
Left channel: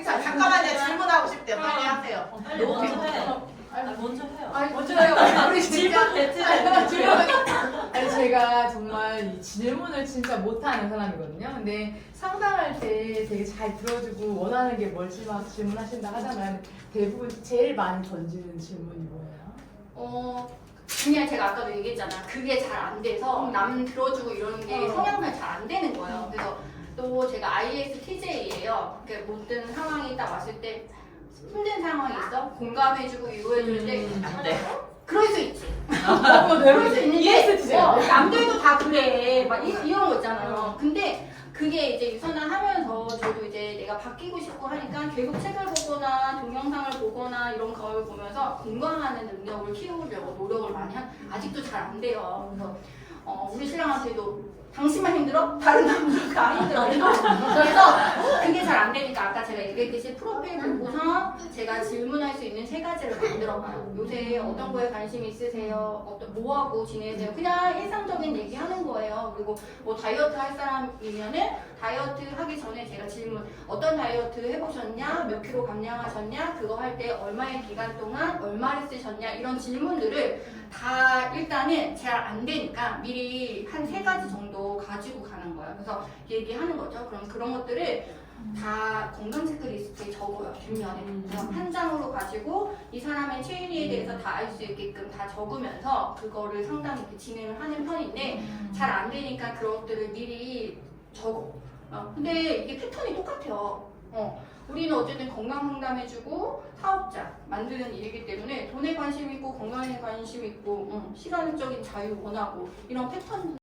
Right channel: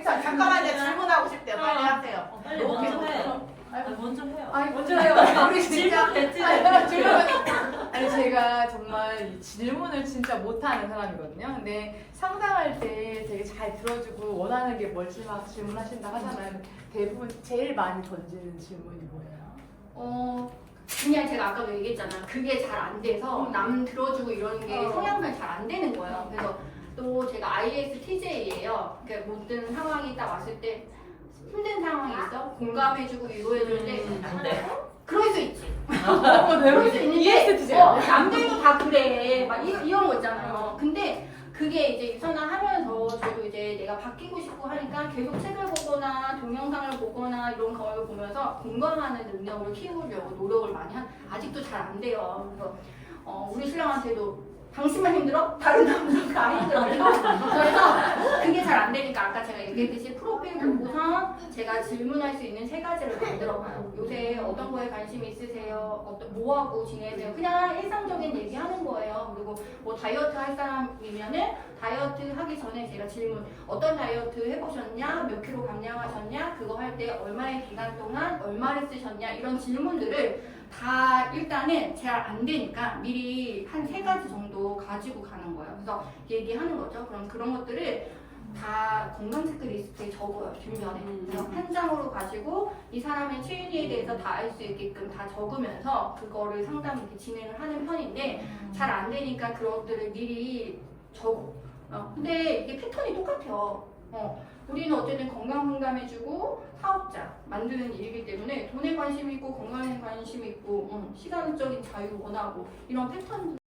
잠깐만요. 질문하고 하고 싶대요. 빨리 하세요. 빨리 너무 먼저 배고파. 해. 아니, 먼저 해요. 아니 먼저 해요. 우리 진짜 배틀. 아니 제가 정말 이 질문을 진짜 못하는 사람이거든요. 근데 상담할 때 되게 잘 들어주고 원하는 게 뭘지 막 질문하신다 하잖아요. 대부분 제일 많이 던지는 질문이 뭐예요? 그냥 제가 아까도 얘기했잖아요. 그게 잘 안 돼서 남 들어주고 이러는 게 성향상 잘 안 되는 거예요. 그래서 또 제가 ISTJ예요. 그러니까 모든 상황이 딱 왔을 때 힘든 상황이 있어? 공감해주고 위로해줄 때 안 돼. 그럴 수 있지. 그럴 수 있는데 남들도 다 그래. 막 이런 거 있잖아요. 근데 그게 이제 유선을 하면서 저도 이제 내가 바뀌고 싶고 하니까 계속 책을 보거나 동영상을 보거나 이런 걸 보면서 공감하는 능력을 키우려고 노력을 많이 아직도 잘 안 돼요. 그래서 우리 신랑한테도 당신만 힘들어? 다른 남들 다 힘들어. 그래서 그게 잘 안 되니까 아까 제가 얘기했듯이 프로필 보고서 제가 질문할 수 있는 3가지를 만들어봐요. 요새 어떤 거에 관심 있으세요? 뭐 하고 지내세요? 그냥 일상적인 얘기하는 거예요. 그리고 뭐 다이어트 할 사람이면은 다이어트 하기 전에 제가 질문 어떤 다이어트 해보셨냐? 몇 킬로 감량하셨냐? 그거 할 때 얼마의 기간 동안 얼마를 쓰셨냐? 이런 질문들을 다 일단은 잘 안 되니까 미리 한 3가지 정도 가지고 가는 거예요. 그래서 얘기하는 거죠. 그럼 그런 것들을 다 건강 체크리스트에 적어요. 뒷면에. 그래서 한 장으로 가지고 이 사람의 체리에 대해서 다 알 수 있게끔 다 적으면서 그거를 상담 이렇게 진행을 하는 편인데 잘 안 되니까 그런 것들을 미리 적어. 근데 이게 패턴이 똑같아요. 우리는 어쨌든 건강 상담해주고 사업자 만드는 일이기 때문에 돈에 관심 있고 건강에 관심 있고 시간적인 자유 원하고 이런 패턴